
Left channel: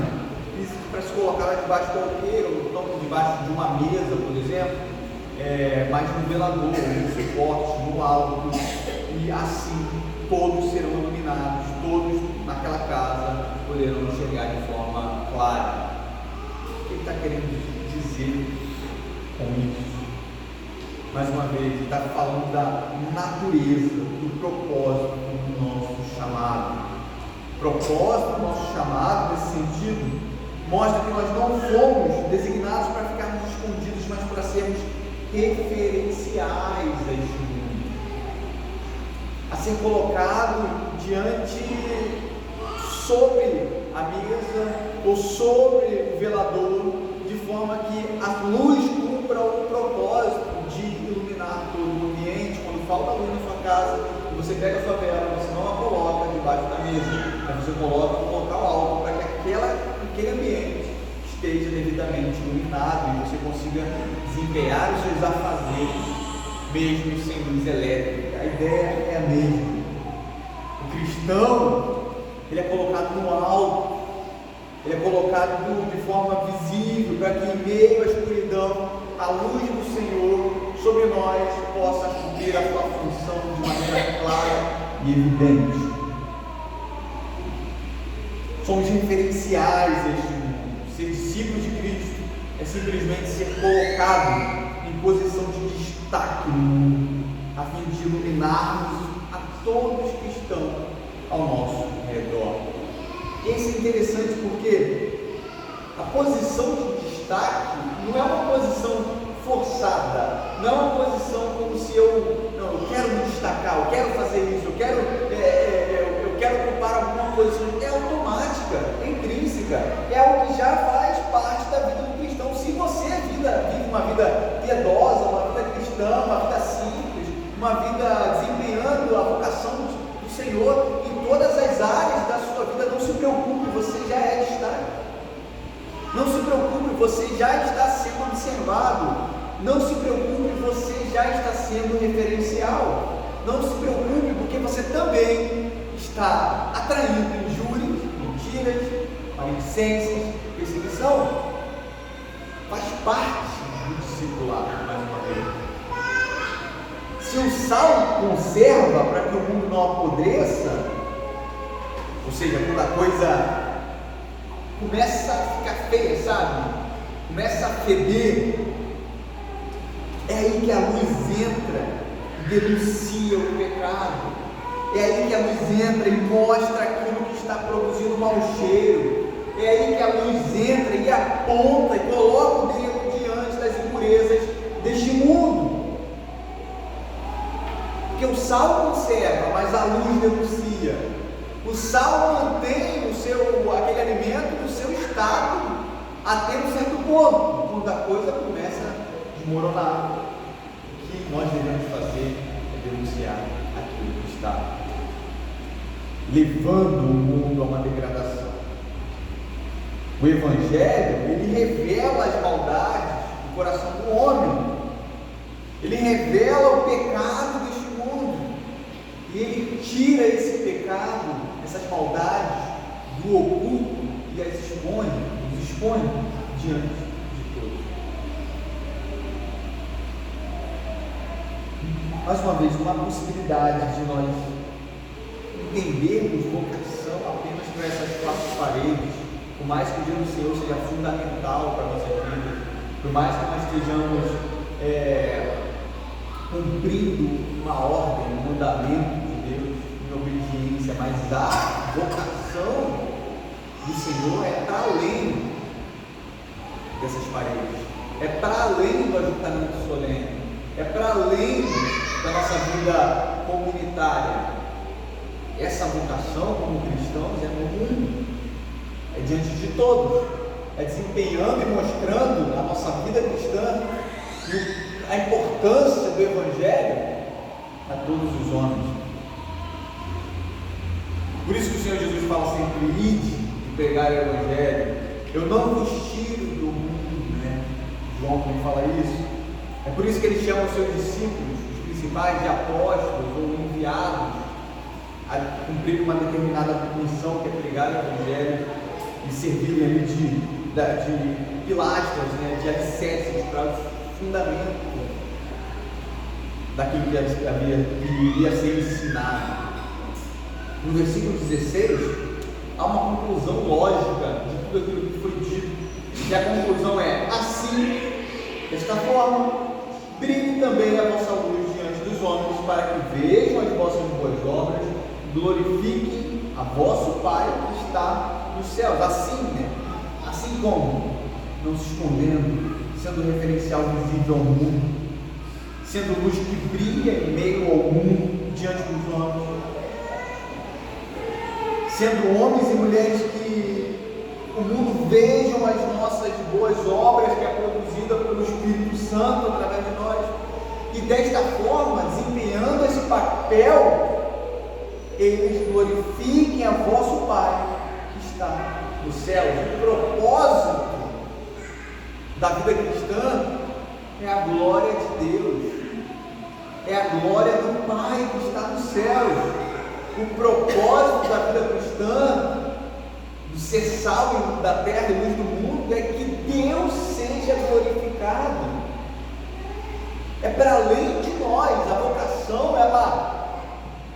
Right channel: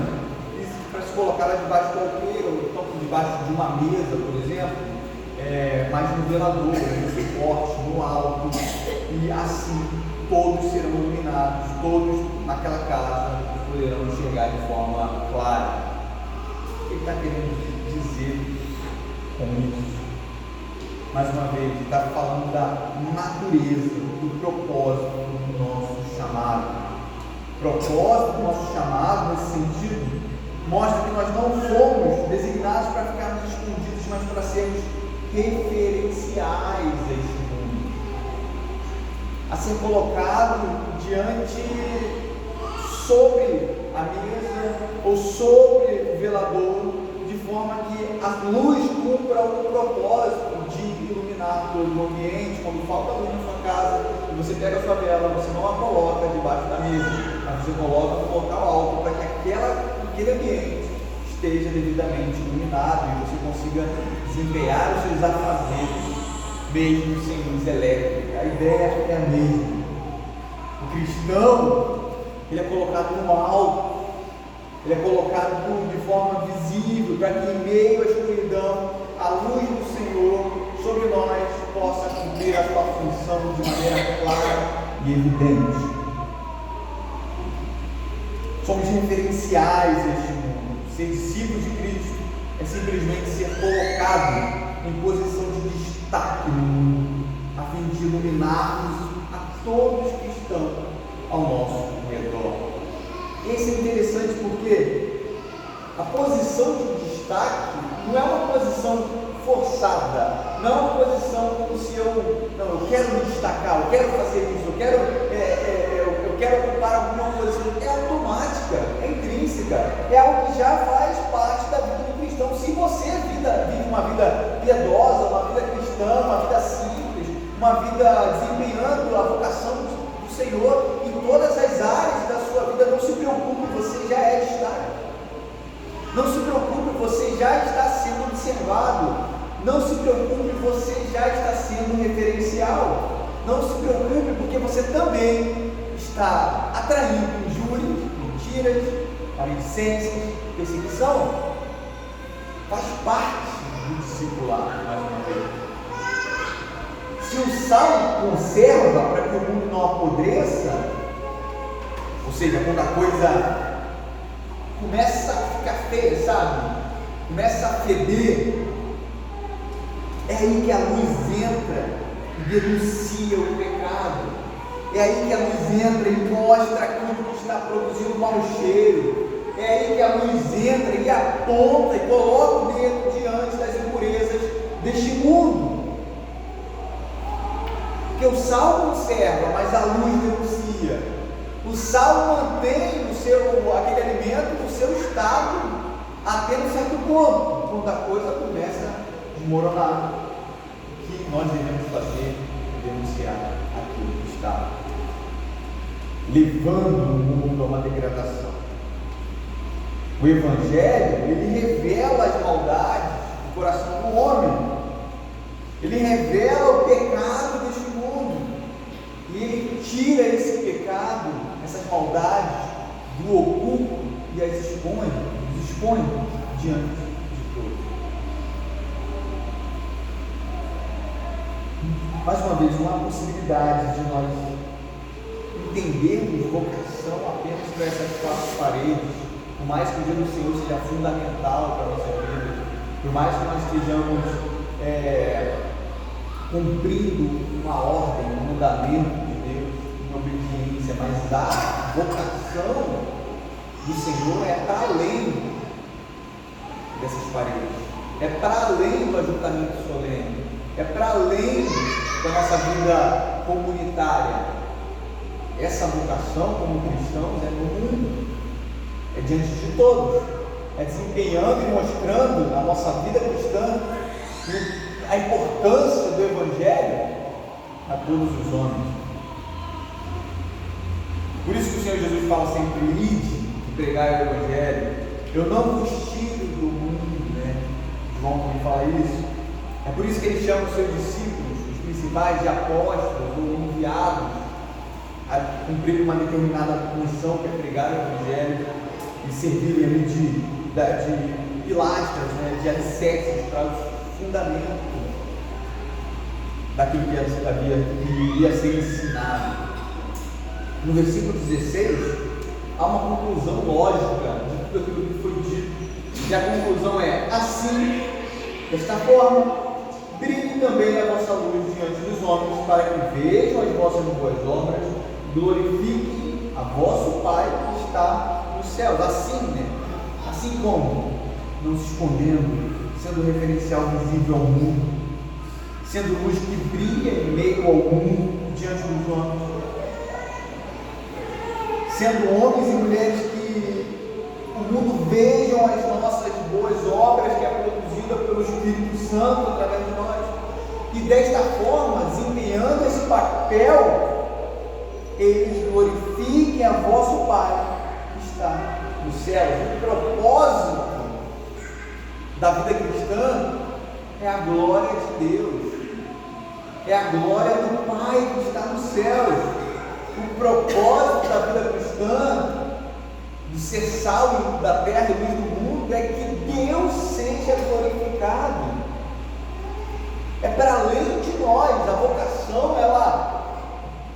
para se colocar lá debaixo do alqueire, ou então debaixo de uma mesa, por exemplo. exemplo, mas no velador, no suporte, no alto, e assim todos serão iluminados, todos naquela casa poderão enxergar de forma clara. O que ele está querendo dizer com isso? Mais uma vez, ele está falando da natureza, do propósito do nosso chamado. O propósito do nosso chamado, nesse sentido, mostra que nós não fomos designados para ficarmos escondidos, mas para sermos referenciais a este mundo, a ser colocado diante, sobre a mesa ou sobre o velador, de forma que a luz cumpra o propósito de iluminar todo o ambiente. Quando falta luz na sua casa e você pega a sua vela, você não a coloca debaixo da mesa, mas você coloca no local alto para que aquele ambiente esteja devidamente iluminado e você consiga desempenhar os seus afazeres mesmo sem luz elétrica. A ideia é a mesma. O cristão, ele é colocado no alto, ele é colocado de forma visível, para que em meio à escuridão a luz do Senhor sobre nós possa cumprir a sua função de maneira clara e evidente. Somos referenciais deste mundo. Ser discípulo de Cristo é simplesmente ser colocado em posição de destaque no mundo, a fim de iluminarmos a todos que estão ao nosso redor. Isso é interessante porque a posição de destaque não é uma posição forçada, não é uma posição como se eu quero me destacar, eu quero fazer isso, eu quero ocupar alguma posição. É automática, é intrínseca, é algo que já faz parte da vida do cristão. Se você vive uma vida piedosa, uma vida cristã, uma vida simples, uma vida desempenhando a vocação do Senhor em todas as áreas da sua vida, não se preocupe, você já é destaque. Não se preocupe, você já está sendo observado. Não se preocupe, você já está sendo referencial. Não se preocupe, porque você também está atraindo injúrias, mentiras, maledicências, perseguição. Faz parte do discipulado, mais uma vez. Se o sal conserva para que o mundo não apodreça, ou seja, quando a coisa começa a ficar feia, sabe? Começa a feder, é aí que a luz entra e denuncia o pecado. É aí que a luz entra e mostra aquilo que está produzindo mau cheiro. É aí que a luz entra e aponta e coloca o dedo diante das impurezas deste mundo. Porque o sal conserva, mas a luz denuncia. O sal mantém aquele alimento no seu estado até um certo ponto. Quando a coisa começa a desmoronar, o que nós devemos fazer é denunciar aquilo que está levando o mundo a uma degradação. O Evangelho, ele revela as maldades do coração do homem, ele revela o pecado deste mundo, e ele tira esse pecado, essas maldades do oculto e as expõe diante de todos. Mais uma vez, uma possibilidade de nós entendermos vocação apenas por essas quatro paredes, por mais que o dia do Senhor seja fundamental para a nossa vida, por mais que nós estejamos cumprindo uma ordem, um mandamento de Deus em obediência, mas a vocação do Senhor é para além dessas paredes, é para além do ajuntamento solene, é para além da nossa vida comunitária. Essa vocação como cristãos é no mundo, é diante de todos, é desempenhando e mostrando na nossa vida cristã a importância do Evangelho a todos os homens. Por isso que o Senhor Jesus fala sempre: ide e pregai o Evangelho. Eu não vos tiro do mundo, né? João também fala isso. É por isso que ele chama os seus discípulos, os principais, de apóstolos ou enviados, a cumprir uma determinada missão, que é pregar o Evangelho e servirem ali de pilastras, né, de alicerces para fundamento daquilo que iria ser ensinado. No versículo 16, há uma conclusão lógica de tudo aquilo que foi dito, e a conclusão é: assim, desta forma, brilhe também a vossa luz diante dos homens, para que vejam as vossas boas obras, glorifiquem a vosso Pai que está nos céus. Assim, assim como, não se escondendo, sendo referencial visível ao mundo, sendo luz que brilha em meio ao mundo, diante dos homens, sendo homens e mulheres que o mundo vejam as nossas boas obras, que é produzida pelo Espírito Santo através de nós, e desta forma, desempenhando esse papel, eles glorifiquem a vosso Pai que está nos céus. O propósito da vida cristã é a glória de Deus, é a glória do Pai que está nos céus. O propósito da vida cristã, de ser sal da terra e luz do mundo, é que Deus seja glorificado. É para além de nós. A vocação,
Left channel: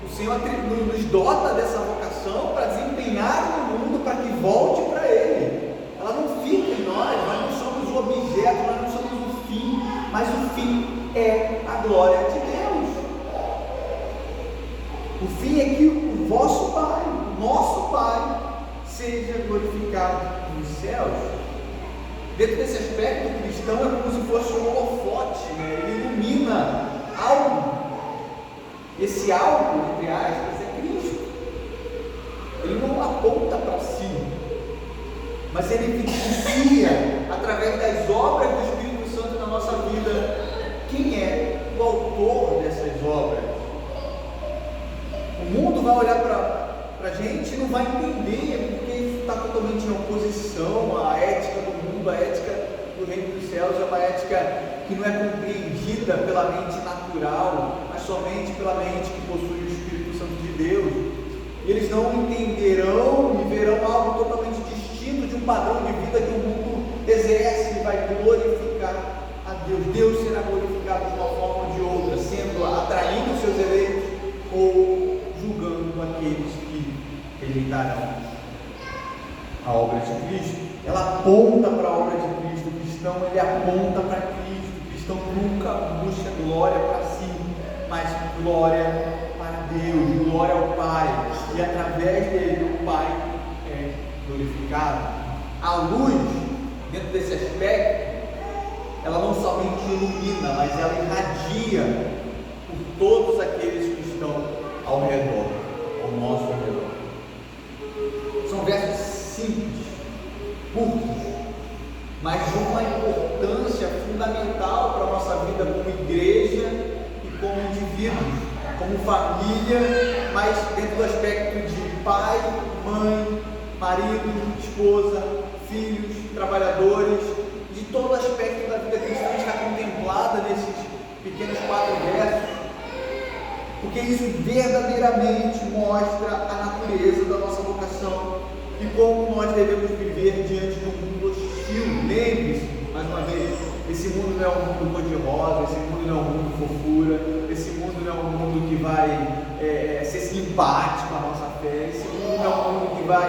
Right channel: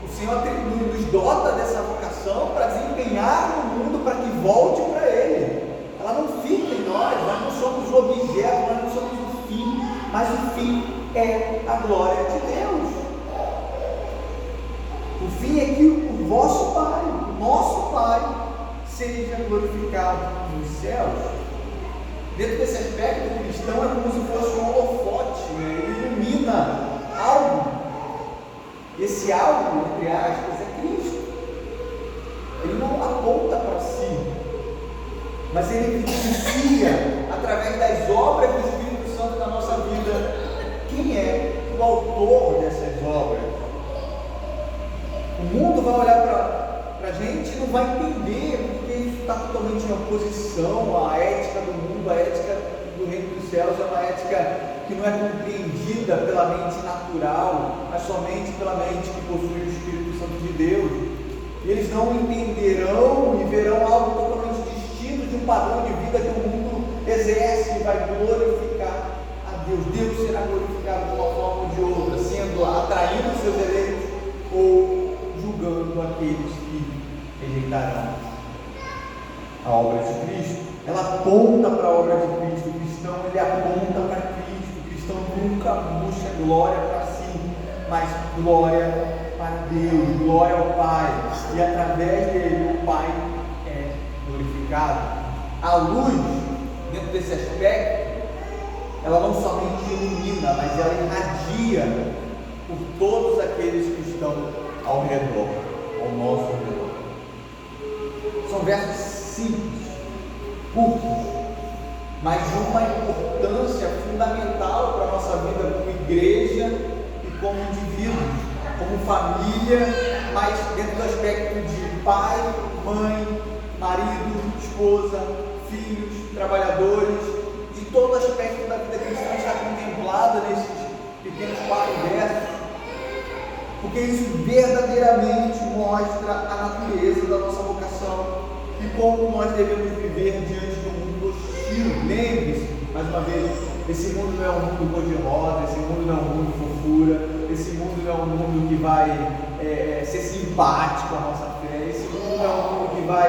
o Senhor nos dota dessa vocação para desempenhar no mundo, para que volte para Ele. Ela não fica em nós não somos o objeto, nós não somos o fim, mas o fim é a glória de Deus. O fim é que o vosso Pai, o nosso Pai, seja glorificado nos céus. Dentro desse aspecto, o cristão é como se fosse um holofote, ele ilumina algo. Esse algo, entre aspas, é Cristo. Ele não aponta para si, mas ele evidencia, através das obras do Espírito Santo na nossa vida, quem é o autor dessas obras. O mundo vai olhar para a gente e não vai entender, porque isso está totalmente em oposição à ética do mundo. A ética do reino dos céus é uma ética que não é compreendida pela mente natural, mas somente pela mente que possui o Espírito Santo de Deus. E eles não entenderão e verão algo totalmente distinto de um padrão de vida que o mundo exerce e vai glorificar a Deus. Deus será glorificado de uma forma ou de outra, sendo atraindo os seus eleitos ou julgando aqueles que rejeitarão a obra de Cristo. Ela aponta para a obra de Cristo. O cristão, ele aponta para Cristo. O cristão nunca busca glória para si, mas glória para Deus, glória ao Pai, e através dele o Pai é glorificado. A luz, dentro desse aspecto, ela não somente ilumina, mas ela irradia por todos aqueles que estão ao redor, ao nosso redor. São versos simples, curtos, mas de uma importância fundamental para a nossa vida como igreja e como indivíduos, como família, mas dentro do aspecto de pai, mãe, marido, esposa, filhos, trabalhadores, de todo aspecto da vida cristã está contemplada nesses pequenos 4 versos, porque isso verdadeiramente mostra a natureza da nossa vocação e como nós devemos viver diante de um mundo hostil. Lembre-se, mais uma vez, esse mundo não é um mundo cor-de-rosa, esse mundo não é um mundo fofura, esse mundo não é um mundo que vai ser simpático à nossa fé, esse mundo não é um mundo que vai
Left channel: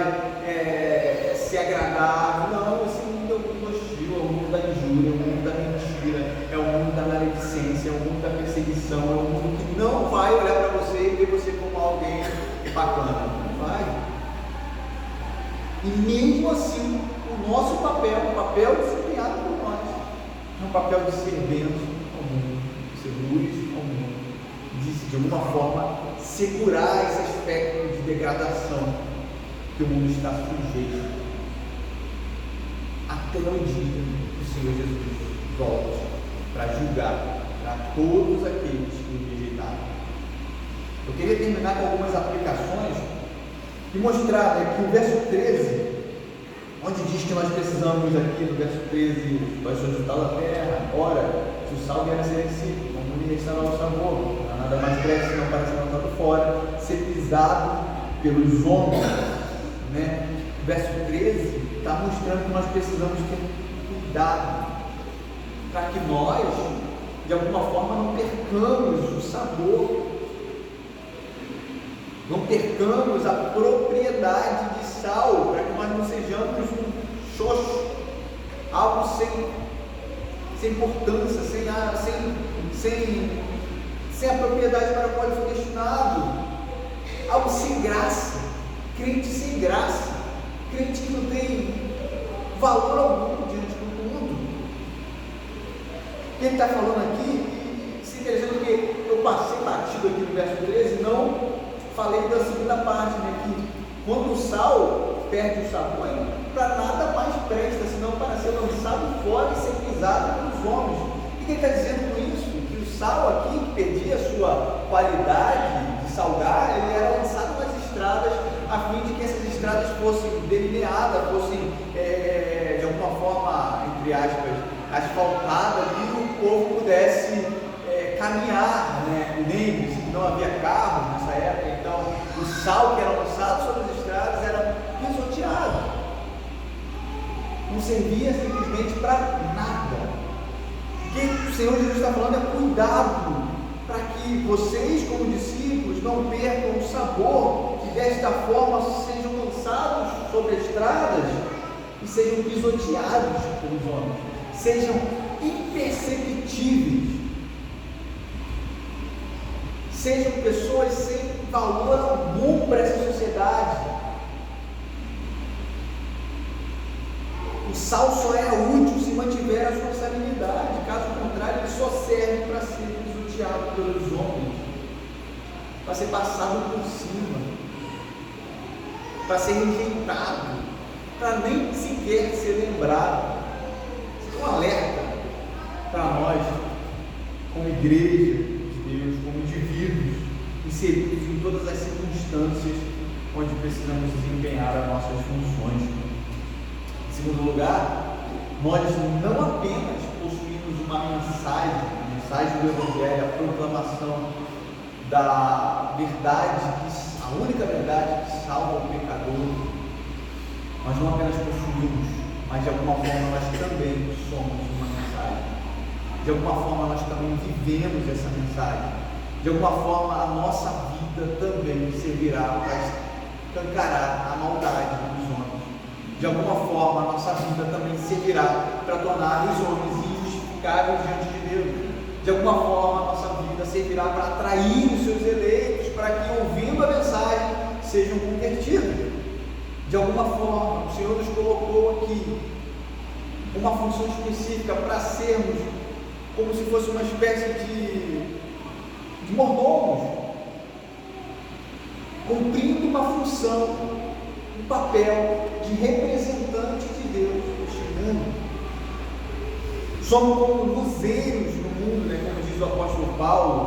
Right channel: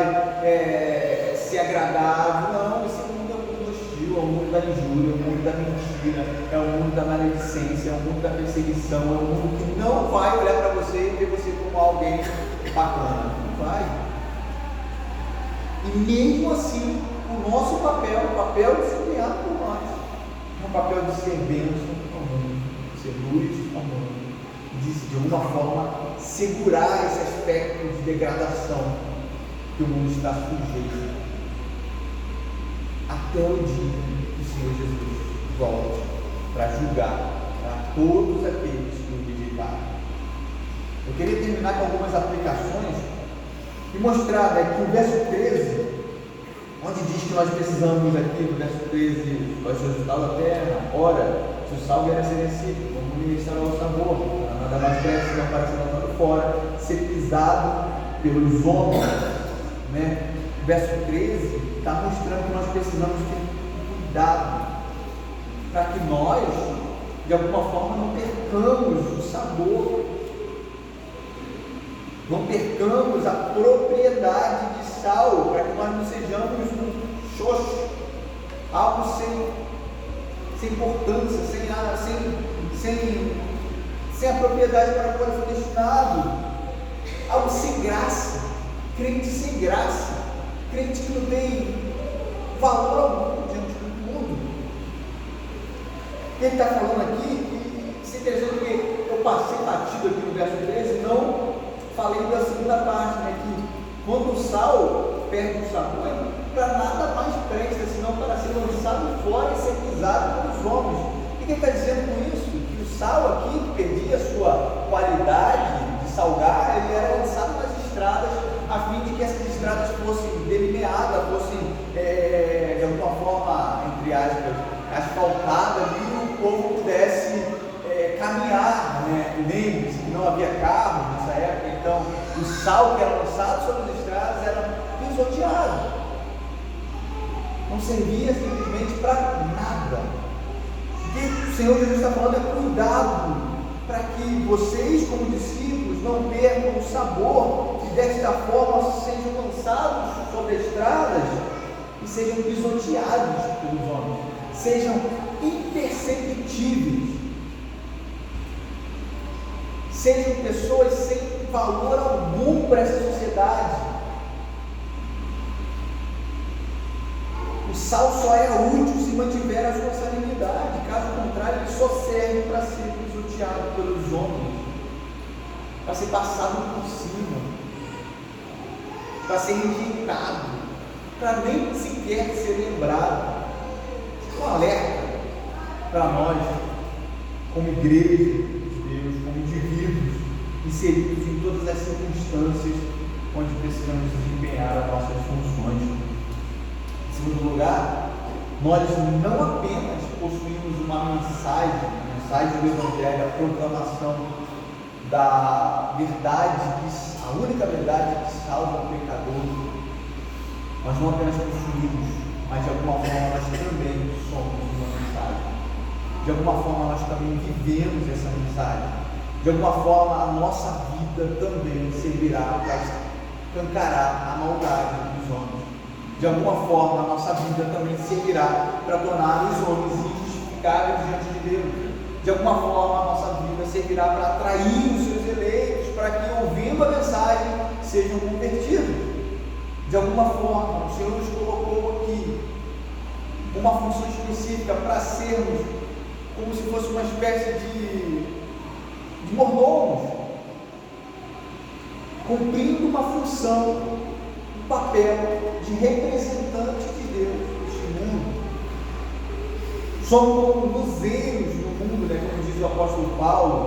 ser agradável. Não, esse mundo é um mundo hostil, é o mundo da injúria, é o mundo da mentira, é o mundo da maledicência, é o mundo da perseguição, é um mundo que não vai olhar para você e ver você como alguém bacana. Não vai. E mesmo assim, o nosso papel, o papel desempenhado por nós, é um papel de ser bênção ao mundo, de ser luz ao mundo, de alguma forma segurar esse aspecto de degradação que o mundo está sujeito, até o dia que o Senhor Jesus volte para julgar para todos aqueles que o rejeitaram. Eu queria terminar com algumas aplicações e mostrar que o verso 13, onde diz que nós precisamos aqui, no verso 13, vai ser o sal da terra. Ora, se o sal vier a ser insípido, como lhe restará o sabor? Nada mais presta não para ser lançado fora, ser pisado pelos homens. O verso 13 está mostrando que nós precisamos ter cuidado para que nós, de alguma forma, não percamos o sabor, não percamos a propriedade de sal, para que nós não sejamos um xoxo, algo sem importância, sem a propriedade para a qual ele foi destinado, algo sem graça, crente sem graça, crente que não tem valor algum diante do mundo. Ele está falando aqui, se dizendo que eu passei batido aqui no verso 13, não falei da segunda parte, né, que quando o sal perde o sabor, para nada mais presta, senão para ser lançado fora e ser pisado pelos homens. O que ele está dizendo com isso? Que o sal aqui, que perdia a sua qualidade de salgar, ele era lançado nas estradas, a fim de que essas estradas fossem delineadas, fossem, de alguma forma, entre aspas, asfaltadas, e o povo pudesse caminhar, né? Lembre-se que não havia carro nessa época, então o sal que era lançado sobre as estradas era pisoteado, não servia simplesmente para nada. O que o Senhor Jesus está falando é cuidado, para que vocês, como discípulos, não percam o sabor, e desta forma sejam lançados sobre as estradas e sejam pisoteados pelos homens, sejam imperceptíveis, sejam pessoas sem valor algum para essa sociedade. O sal só é útil se mantiver a sua salinidade, caso contrário, ele só serve para ser pisoteado pelos homens, para ser passado por cima, para ser rejeitado, para nem sequer ser lembrado. Isso é um alerta para nós, como igreja de Deus, como indivíduos inseridos em todas as circunstâncias onde precisamos desempenhar as nossas funções. Em segundo lugar, nós não apenas possuímos uma mensagem, a mensagem do Evangelho, a proclamação da verdade, a única verdade que salva o pecador. Nós não apenas possuímos, mas de alguma forma nós também somos uma mensagem. De alguma forma nós também vivemos essa mensagem. De alguma forma a nossa vida também servirá para escancarar a maldade dos homens. De alguma forma a nossa vida também servirá para tornar os homens injustificáveis diante de Deus. De alguma forma a nossa vida servirá para atrair os seus eleitos, para que, ouvindo a mensagem, sejam convertidos. De alguma forma, o Senhor nos colocou aqui uma função específica para sermos como se fosse uma espécie de mordomos, cumprindo uma função, um papel de representante de Deus neste mundo. Somos como luzeiros no mundo, né, como diz o apóstolo Paulo,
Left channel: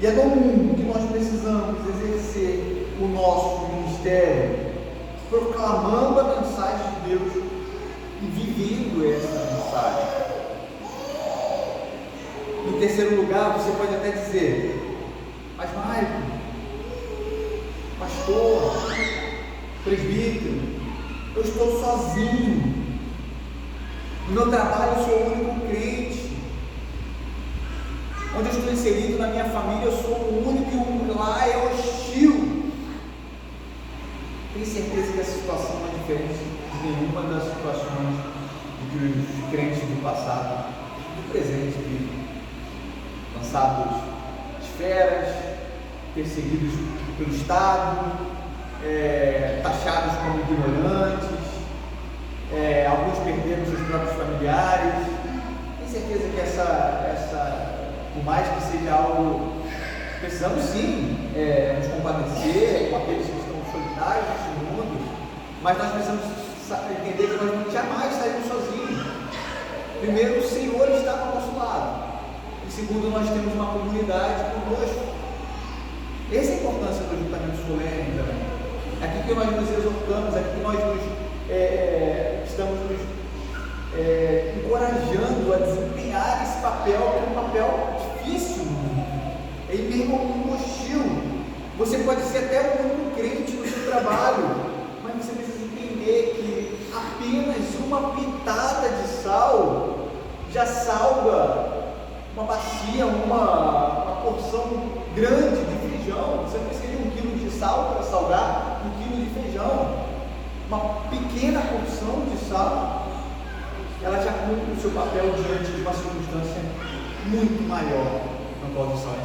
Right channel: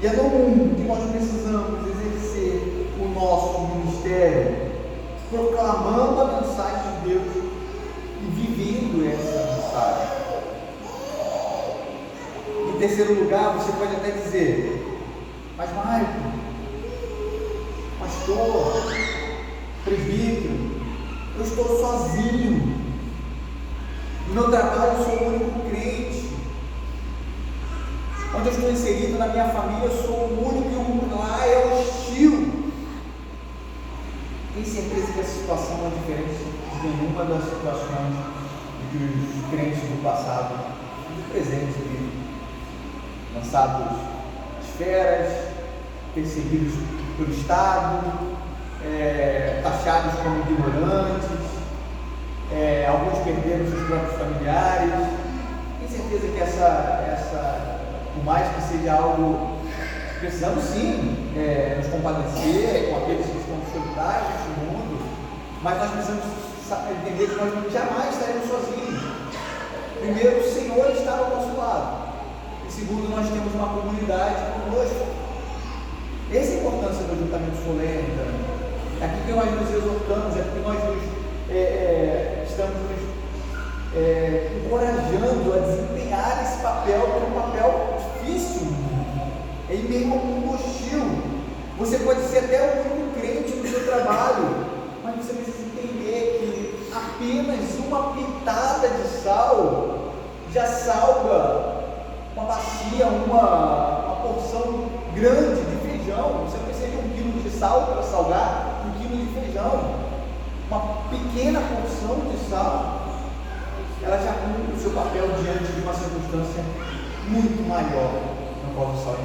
e é no mundo que nós precisamos exercer o nosso ministério, proclamando a mensagem de Deus e vivendo essa mensagem. Em terceiro lugar, você pode até dizer: mas Mário, pastor, presbítero, eu estou sozinho, no meu trabalho eu sou o único crente, onde eu estou inserido na minha família eu sou o único e lá é hostil. Tenho certeza que essa situação não é diferente de nenhuma das situações que os crentes do passado, do presente, vivem. Lançados de feras, perseguidos pelo Estado, taxados como ignorantes, alguns perderam seus próprios familiares. Tenho certeza que por mais que seja algo, precisamos sim nos compadecer com aqueles que estão solitários neste mundo, mas nós precisamos entender que nós jamais saímos sozinhos. Primeiro, o Senhor está ao nosso lado. E segundo, nós temos uma comunidade conosco. Essa é a importância do ajuntamento solene também. É aqui que nós nos exortamos, é aqui que nós estamos nos encorajando a desempenhar esse papel, que é um papel difícil, em meio ao mundo hostil. Você pode ser até o único crente no seu trabalho, mas você precisa entender que apenas uma pitada de sal já salva dia uma porção grande de feijão. Você não precisa de 1 quilo de sal para salgar 1 quilo de feijão. Uma pequena porção de sal, ela já cumpre o seu papel diante de uma circunstância muito maior na qual o sal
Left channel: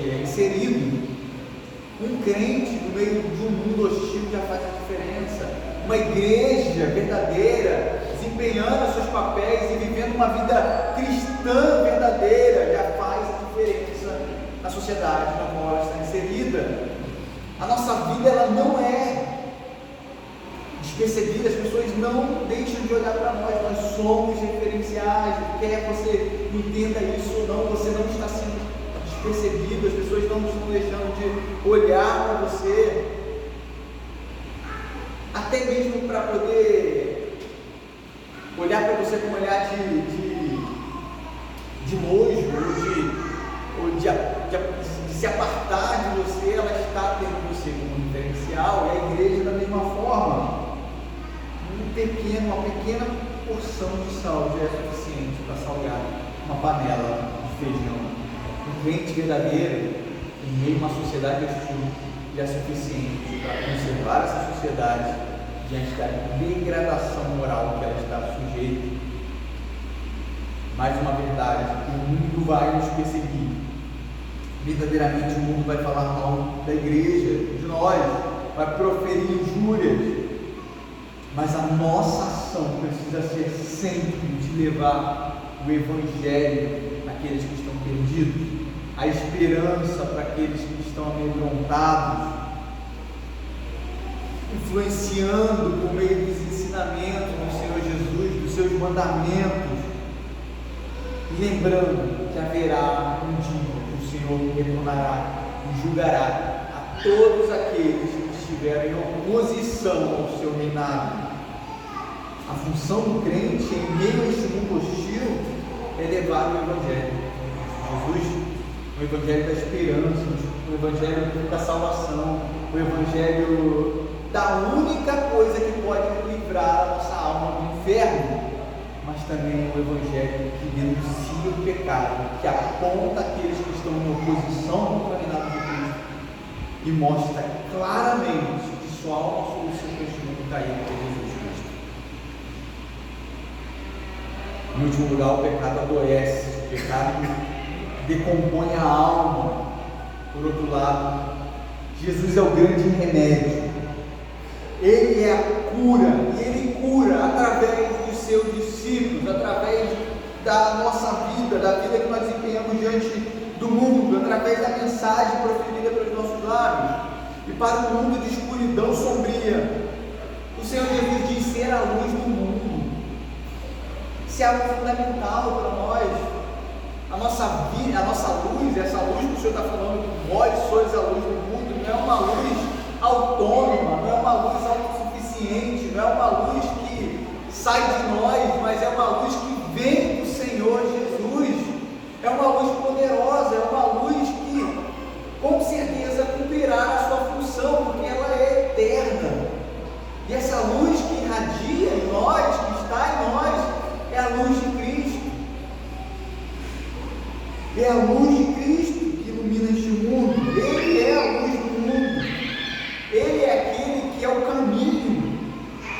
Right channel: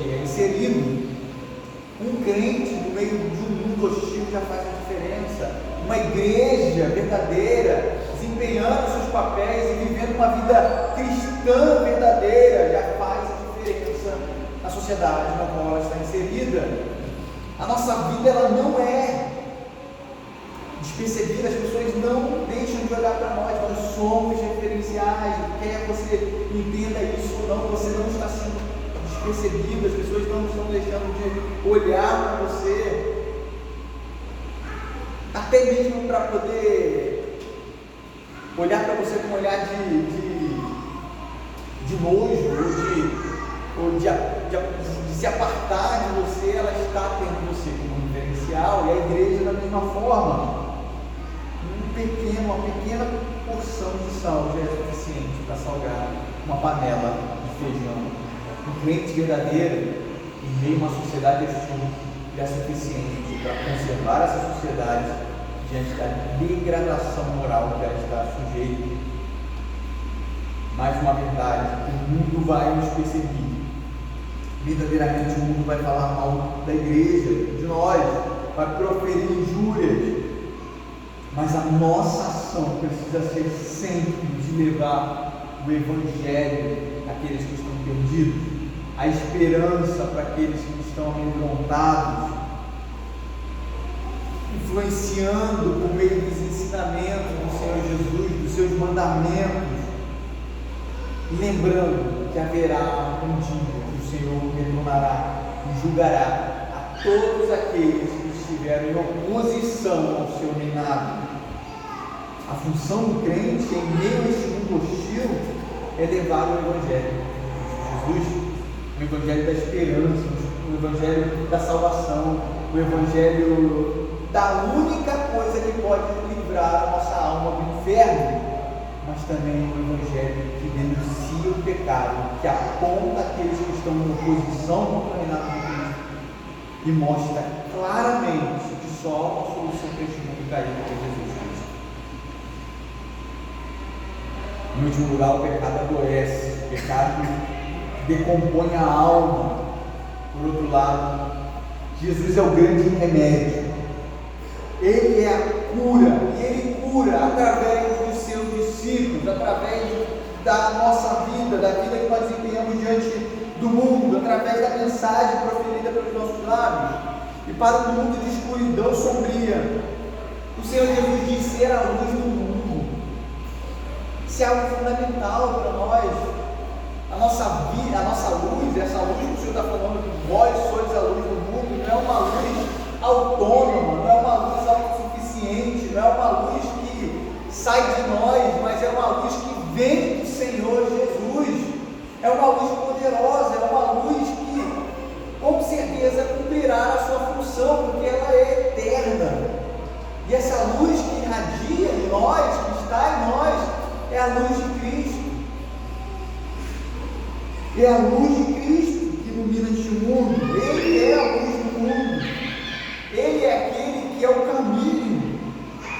é inserido. Um crente no meio de um mundo hostil já faz a diferença. Uma igreja verdadeira, desempenhando seus papéis e vivendo uma vida cristã verdadeira, já faz a diferença na sociedade na qual ela está inserida. A nossa vida, ela não é despercebida, as pessoas não deixam de olhar para nós somos referenciais, quer você entenda isso ou não, você não está sendo despercebido, as pessoas não estão deixando de olhar para você, até mesmo para poder olhar para você com um olhar de nojo, ou de se apartar de você, ela está tendo você como referencial, e a igreja da mesma forma. Uma pequena porção de sal já é suficiente para salgar uma panela de feijão. Um crente verdadeiro, em meio a uma sociedade hostil, já é suficiente para conservar essa sociedade diante da degradação moral que ela está sujeita. Mais uma verdade, o mundo vai nos perseguir. Verdadeiramente o mundo vai falar mal da igreja, de nós, vai proferir injúrias. Mas a nossa ação precisa ser sempre de levar o Evangelho àqueles que estão perdidos, a esperança para aqueles que estão amedrontados, influenciando por meio dos ensinamentos do Senhor Jesus, dos seus mandamentos, lembrando que haverá um dia que o Senhor retornará e julgará a todos aqueles que estiveram em oposição ao seu reinado. A função do crente em meio a este mundo hostil é levar o Evangelho de Jesus, o Evangelho da esperança, o Evangelho da salvação, o Evangelho da única coisa que pode livrar a nossa alma do inferno, mas também o Evangelho que denuncia o pecado, que aponta aqueles que estão em oposição ao reinado de Cristo e mostra claramente que só há uma solução para este mundo caído, que é Jesus Cristo. Em último lugar, o pecado adoece, o pecado decompõe a alma. Por outro lado, Jesus é o grande remédio, Ele é a cura, e Ele cura através dos seus discípulos, através da nossa vida, da vida que nós desempenhamos diante do mundo, através da mensagem proferida pelos nossos lábios, e para um mundo de escuridão sombria, o Senhor Jesus diz ser a luz do mundo. Isso é algo fundamental para nós. A nossa vida, a nossa luz, essa luz que o Senhor está falando, vós sois a luz do mundo, não é uma luz autônoma, não é uma luz autossuficiente, não é uma luz que sai de nós, mas é uma luz que vem do Senhor Jesus. É uma luz poderosa, é uma luz que com certeza cumprirá a sua função, porque ela é eterna. E essa luz que irradia em nós, que está em nós, é a luz de Cristo. É a luz de Cristo que ilumina este mundo. Ele é a luz do mundo. Ele é aquele que é o caminho.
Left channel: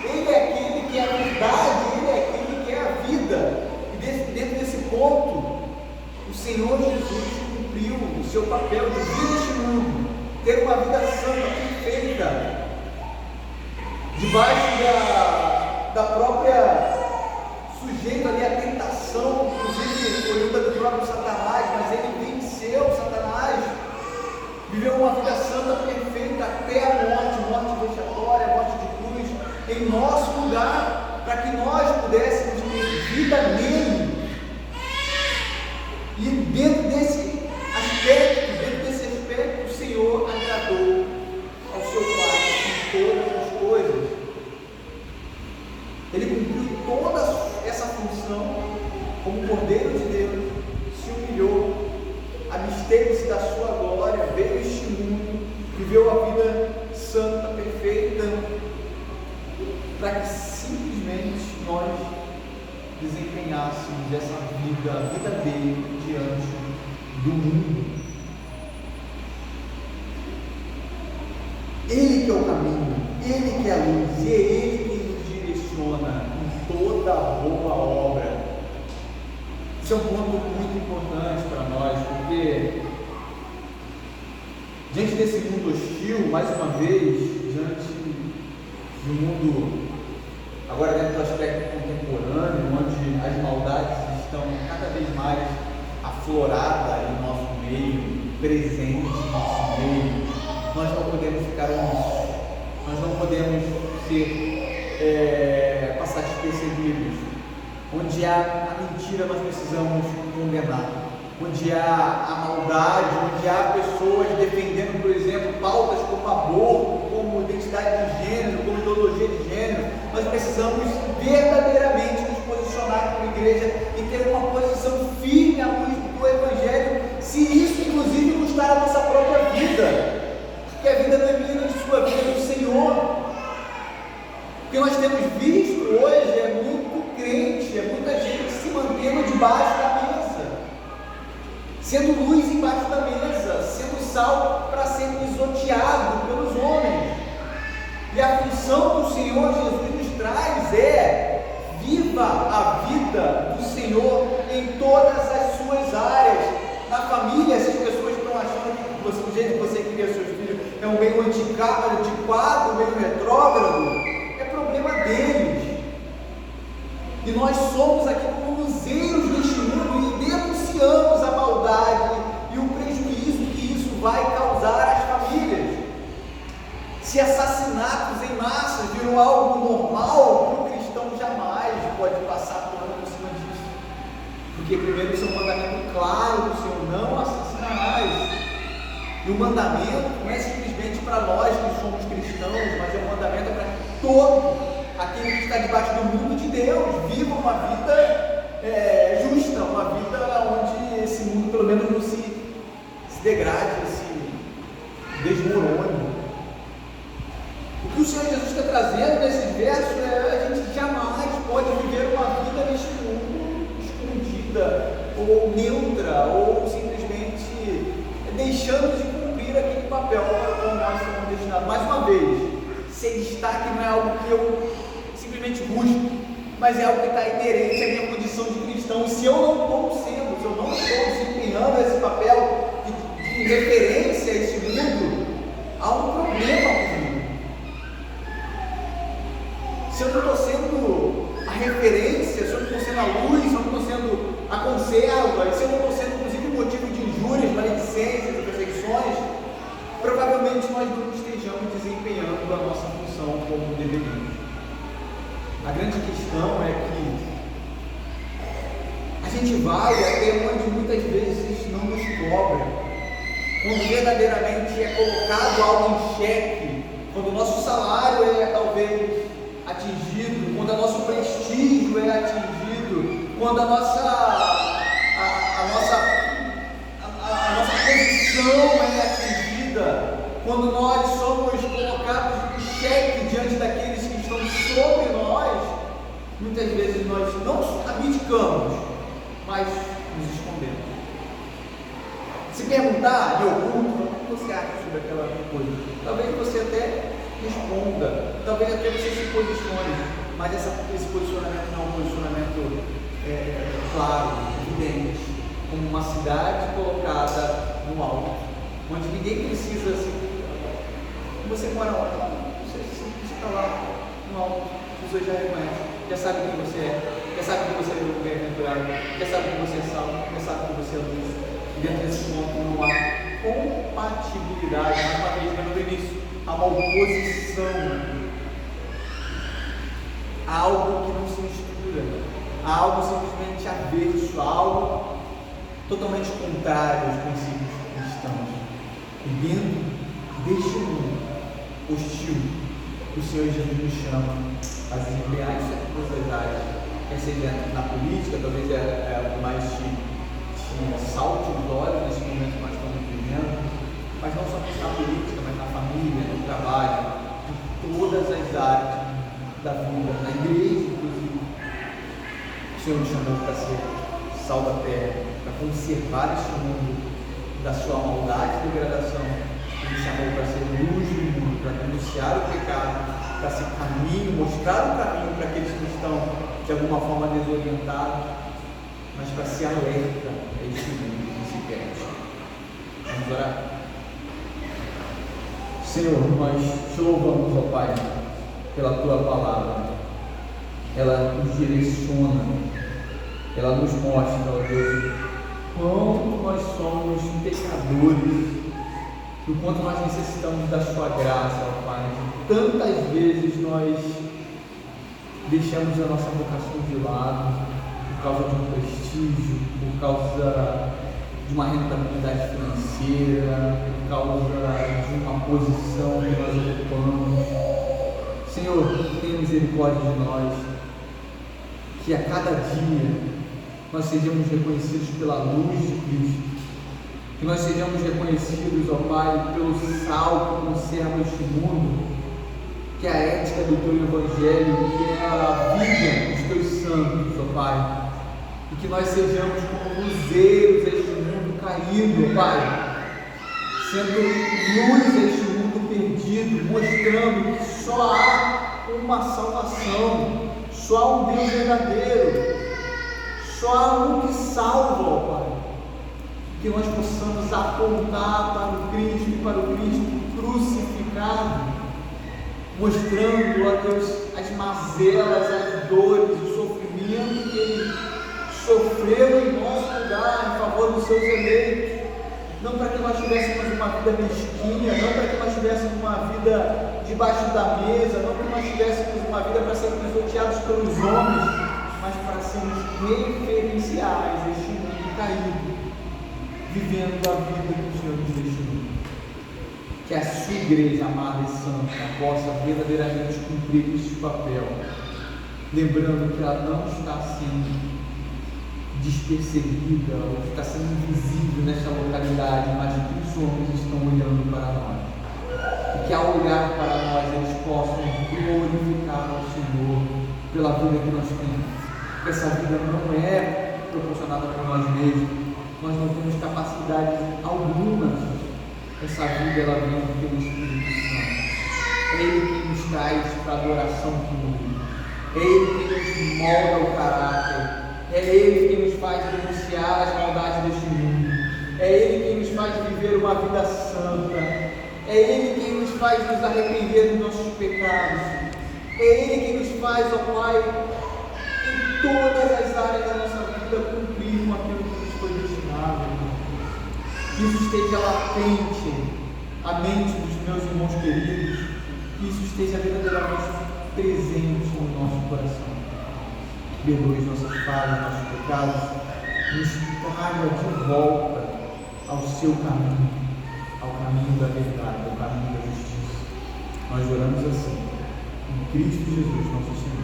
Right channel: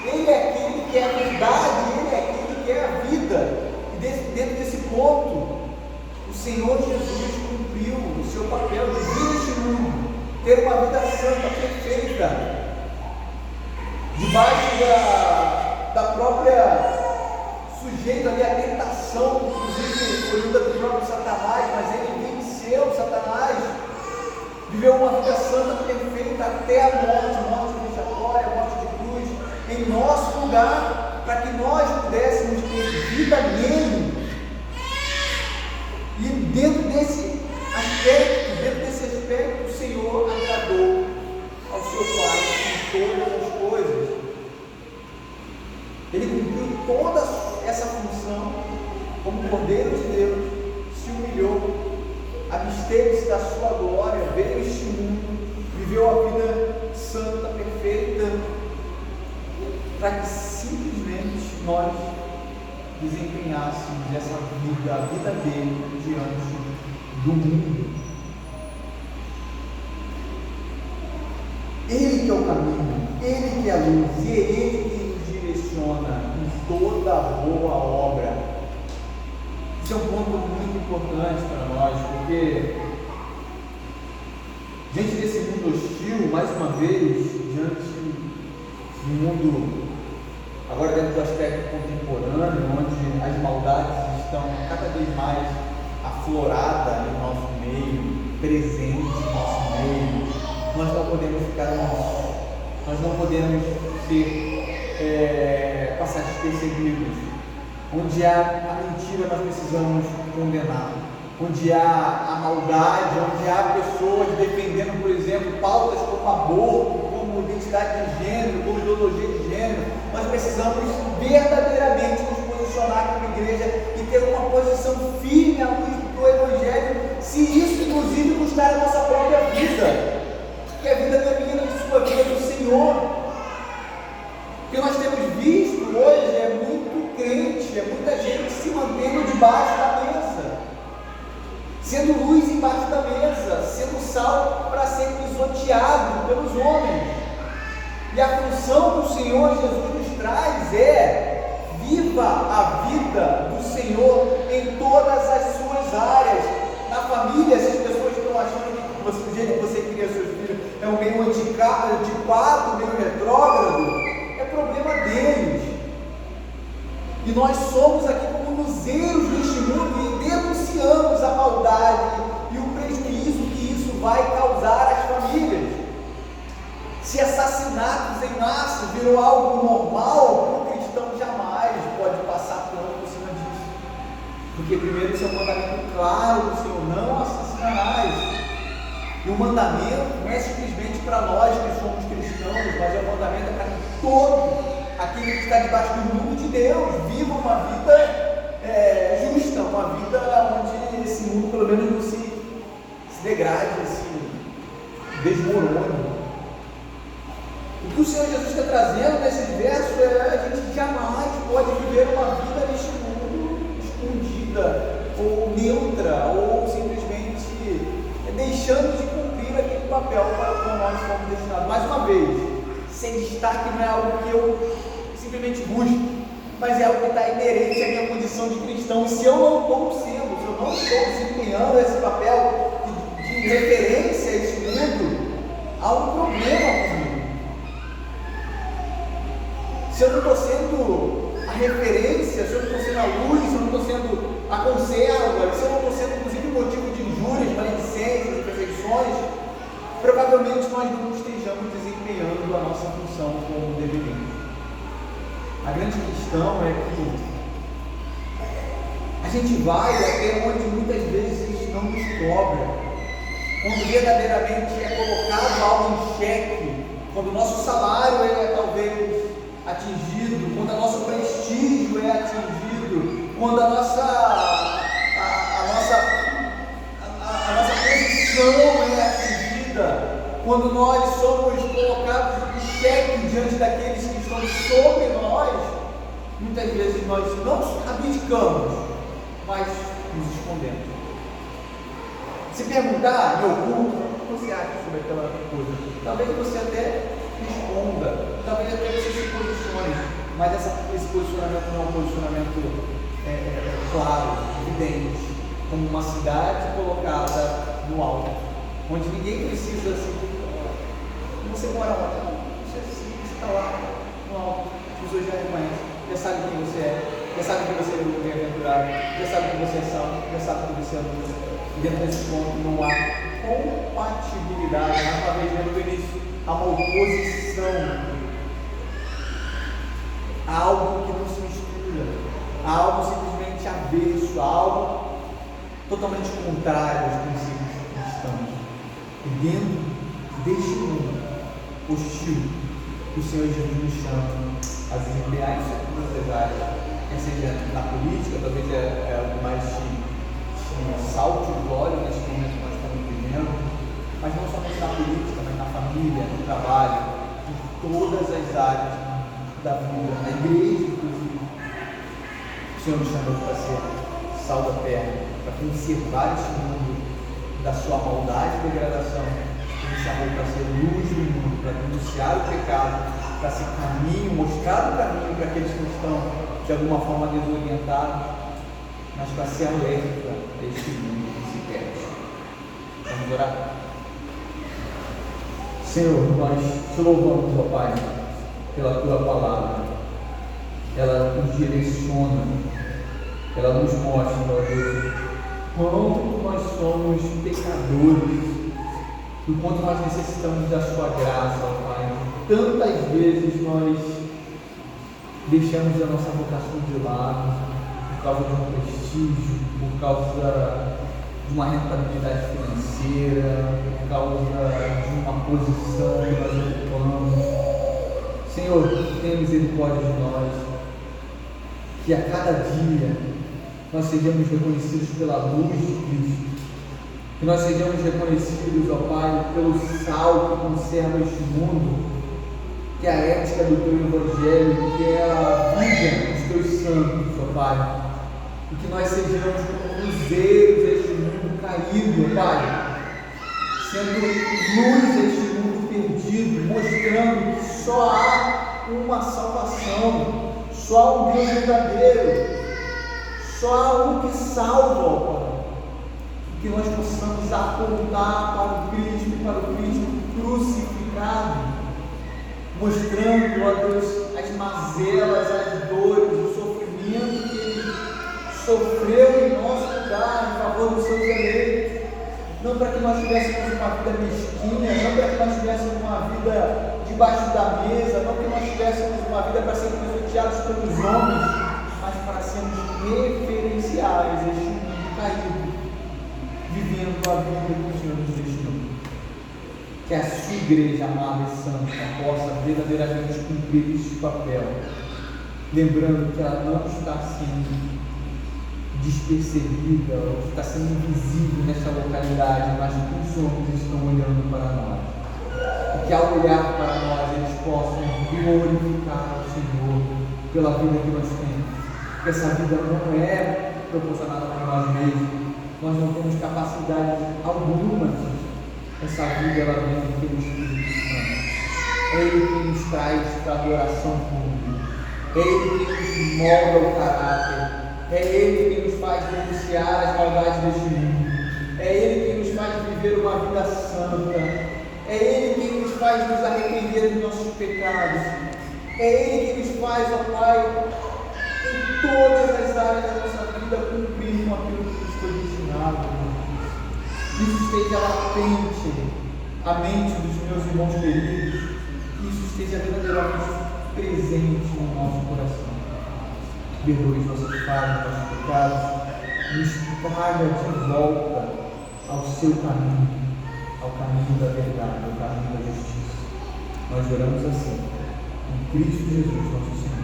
Ele é aquele que é a verdade. Ele é aquele que é a vida. E dentro desse ponto, o Senhor Jesus cumpriu o seu papel de vir neste mundo, ter uma vida santa, perfeita, debaixo da própria sujeito ali a tentação, inclusive oriunda do próprio Satanás, mas ele venceu Satanás, viveu uma vida santa, perfeita, até a morte vexatória, a morte de cruz, em nosso lugar, para que nós pudéssemos ter vida nele. E dentro desse aspecto, o Senhor agradou ao seu Pai em todas as coisas. Ele cumpriu toda essa função como Cordeiro de Deus, se humilhou, absteve-se da sua glória, veio a este mundo, viveu a vida santa, perfeita, para que simplesmente nós desempenhássemos essa vida, a vida dele diante do mundo. Ele que é o caminho, Ele que é a luz, e é Ele que nos direciona em toda boa obra. Isso é um ponto muito importante para nós, porque diante desse mundo hostil, mais uma vez, diante de um mundo, agora dentro do aspecto contemporâneo, onde as maldades estão cada vez mais afloradas em nosso meio, presentes em nosso meio, nós não podemos ficar omissos, nós não podemos passar despercebidos. Onde há a mentira, nós precisamos condenar. Onde há a maldade, onde há pessoas defendendo, por exemplo, pautas como aborto, como identidade de gênero, como ideologia de gênero, nós precisamos verdadeiramente nos posicionar como igreja e ter uma posição firme à luz do Evangelho, se isso inclusive custar a nossa própria vida, porque a vida não é minha nem sua, a vida é do Senhor. O que nós temos visto hoje é muito crente, é muita gente se mantendo debaixo da mesa, sendo luz embaixo da mesa, sendo sal para ser pisoteado pelos homens. E a função do Senhor Jesus nos traz é: viva a vida do Senhor em todas as suas áreas. Na família, se as pessoas estão achando que do jeito que você cria seus filhos é um meio antiquado, meio retrógrado, é problema deles. E nós somos aqui como luzeiros deste mundo e denunciamos a maldade e o prejuízo que isso vai causar às famílias. Se assassinatos em massa virou algo normal, o cristão jamais pode passar por cima disso. Porque primeiro o seu mandamento claro do Senhor: não assassinarás. E o mandamento não é simplesmente para nós que somos cristãos, mas o mandamento é para que todo aquele que está debaixo do mundo de Deus viva uma vida justa, uma vida onde esse mundo pelo menos não se degrade, se desmorone. O que o Senhor Jesus está trazendo nesse verso é: a gente jamais pode viver uma vida neste mundo escondida, ou neutra, ou simplesmente deixando de cumprir aquele papel para o qual nós somos destinados. Mais uma vez, ser destaque não é algo que eu simplesmente busco, mas é algo que está inerente à minha condição de cristão. E se eu não estou sendo, se eu não estou desempenhando esse papel de referência a esse mundo, há um problema comigo. Se eu não estou sendo a referência, se eu não estou sendo a luz, se eu não estou sendo a conserva, se eu não estou sendo inclusive motivo de injúrias, maledicências e perseguições, provavelmente nós não estejamos desempenhando a nossa função como deveríamos. A grande questão é que a gente vai até onde muitas vezes não nos cobra, quando verdadeiramente é colocado algo em xeque, quando o nosso salário é talvez atingido, quando o nosso prestígio é atingido, quando a nossa posição é atingida, quando nós somos colocados em xeque diante daqueles que estão sobre nós, muitas vezes nós não abdicamos, mas nos escondemos. Se perguntar em algum, o que você acha sobre aquela coisa? Talvez você até responda, talvez até você se posicione, mas esse posicionamento não é um posicionamento claro, evidente, como uma cidade colocada no alto, onde ninguém precisa você mora lá, você está lá no alto, os seus jardins, já sabe quem você é, já sabe que você é do bem-aventurado, já sabe que você é salvo, já sabe que você é luz. E dentro desse ponto não há compatibilidade, mais uma vez, lembra do início, há uma oposição, há algo que não se mistura, há algo simplesmente avesso, há algo totalmente contrário aos princípios cristãos. E dentro deste mundo hostil, o Senhor Jesus nos chama a desempenhar em todas as áreas, quer seja na política, talvez é o mais salte os olhos nesse momento que nós estamos vivendo, mas não somente na política, mas na família, no trabalho, em todas as áreas da vida, na igreja inclusive. O Senhor nos chamou para ser sal da terra, para conservar este mundo da sua maldade e degradação. Ele chamou para ser luz do mundo, para denunciar o pecado, para ser caminho, mostrar o caminho para aqueles que estão de alguma forma desorientados, mas para ser alerta a este mundo que se perde. Vamos orar? Senhor, nós te louvamos, ó Pai, pela tua palavra. Ela nos direciona, ela nos mostra, ó Deus, quanto nós somos pecadores, o quanto nós necessitamos da sua graça, ó Pai. Tantas vezes nós deixamos a nossa vocação de lado por causa de um prestígio, por causa de uma rentabilidade financeira, por causa de uma posição que nós ocupamos. Senhor, tenha misericórdia de nós, que a cada dia nós sejamos reconhecidos pela luz de Cristo, que nós sejamos reconhecidos, ó Pai, pelo sal que conserva este mundo, que é a ética do teu Evangelho, que é a vida dos teus santos, ó Pai, e que nós sejamos como luzeiros deste mundo caído, ó Pai, sendo luz deste mundo perdido, mostrando que só há uma salvação, só há um Deus verdadeiro, só há um que salva, ó Pai, que nós possamos apontar para o Cristo crucificado, mostrando, ó Deus, as mazelas, as dores, o sofrimento que Ele sofreu em nosso lugar, em favor dos seus eleitos, não para que nós tivéssemos uma vida mesquinha, não para que nós tivéssemos uma vida debaixo da mesa, não para que nós tivéssemos uma vida para sermos pisoteados pelos homens, mas para sermos referenciais a este mundo caído, vivendo a vida que o Senhor nos deixou. Que a sua igreja amada e santa possa verdadeiramente cumprir este papel, lembrando que ela não está sendo despercebida, ou está sendo invisível nesta localidade, mas que os homens estão olhando para nós, e que ao olhar para nós eles possam glorificar o Senhor pela vida que nós temos, porque essa vida não é proporcionada por nós mesmos, nós não temos capacidade alguma. Essa vida ela vem pelo Espírito Santo. É Ele quem nos traz para a adoração pública. É Ele quem nos molda o caráter. É Ele quem nos faz denunciar as maldades deste mundo. É Ele quem nos faz viver uma vida santa. É Ele quem nos faz nos arrepender dos nossos pecados. É Ele quem nos faz, ó Pai, em todas as áreas da nossa vida cumprir com aquilo que nos foi destinado. Que isso esteja latente à mente dos meus irmãos queridos, que isso esteja verdadeiramente presente no nosso coração. Perdoe nossas falhas, nossos pecados, nos traga de volta ao seu caminho, ao caminho da verdade, ao caminho da justiça. Nós oramos assim, em Cristo Jesus, nosso Senhor.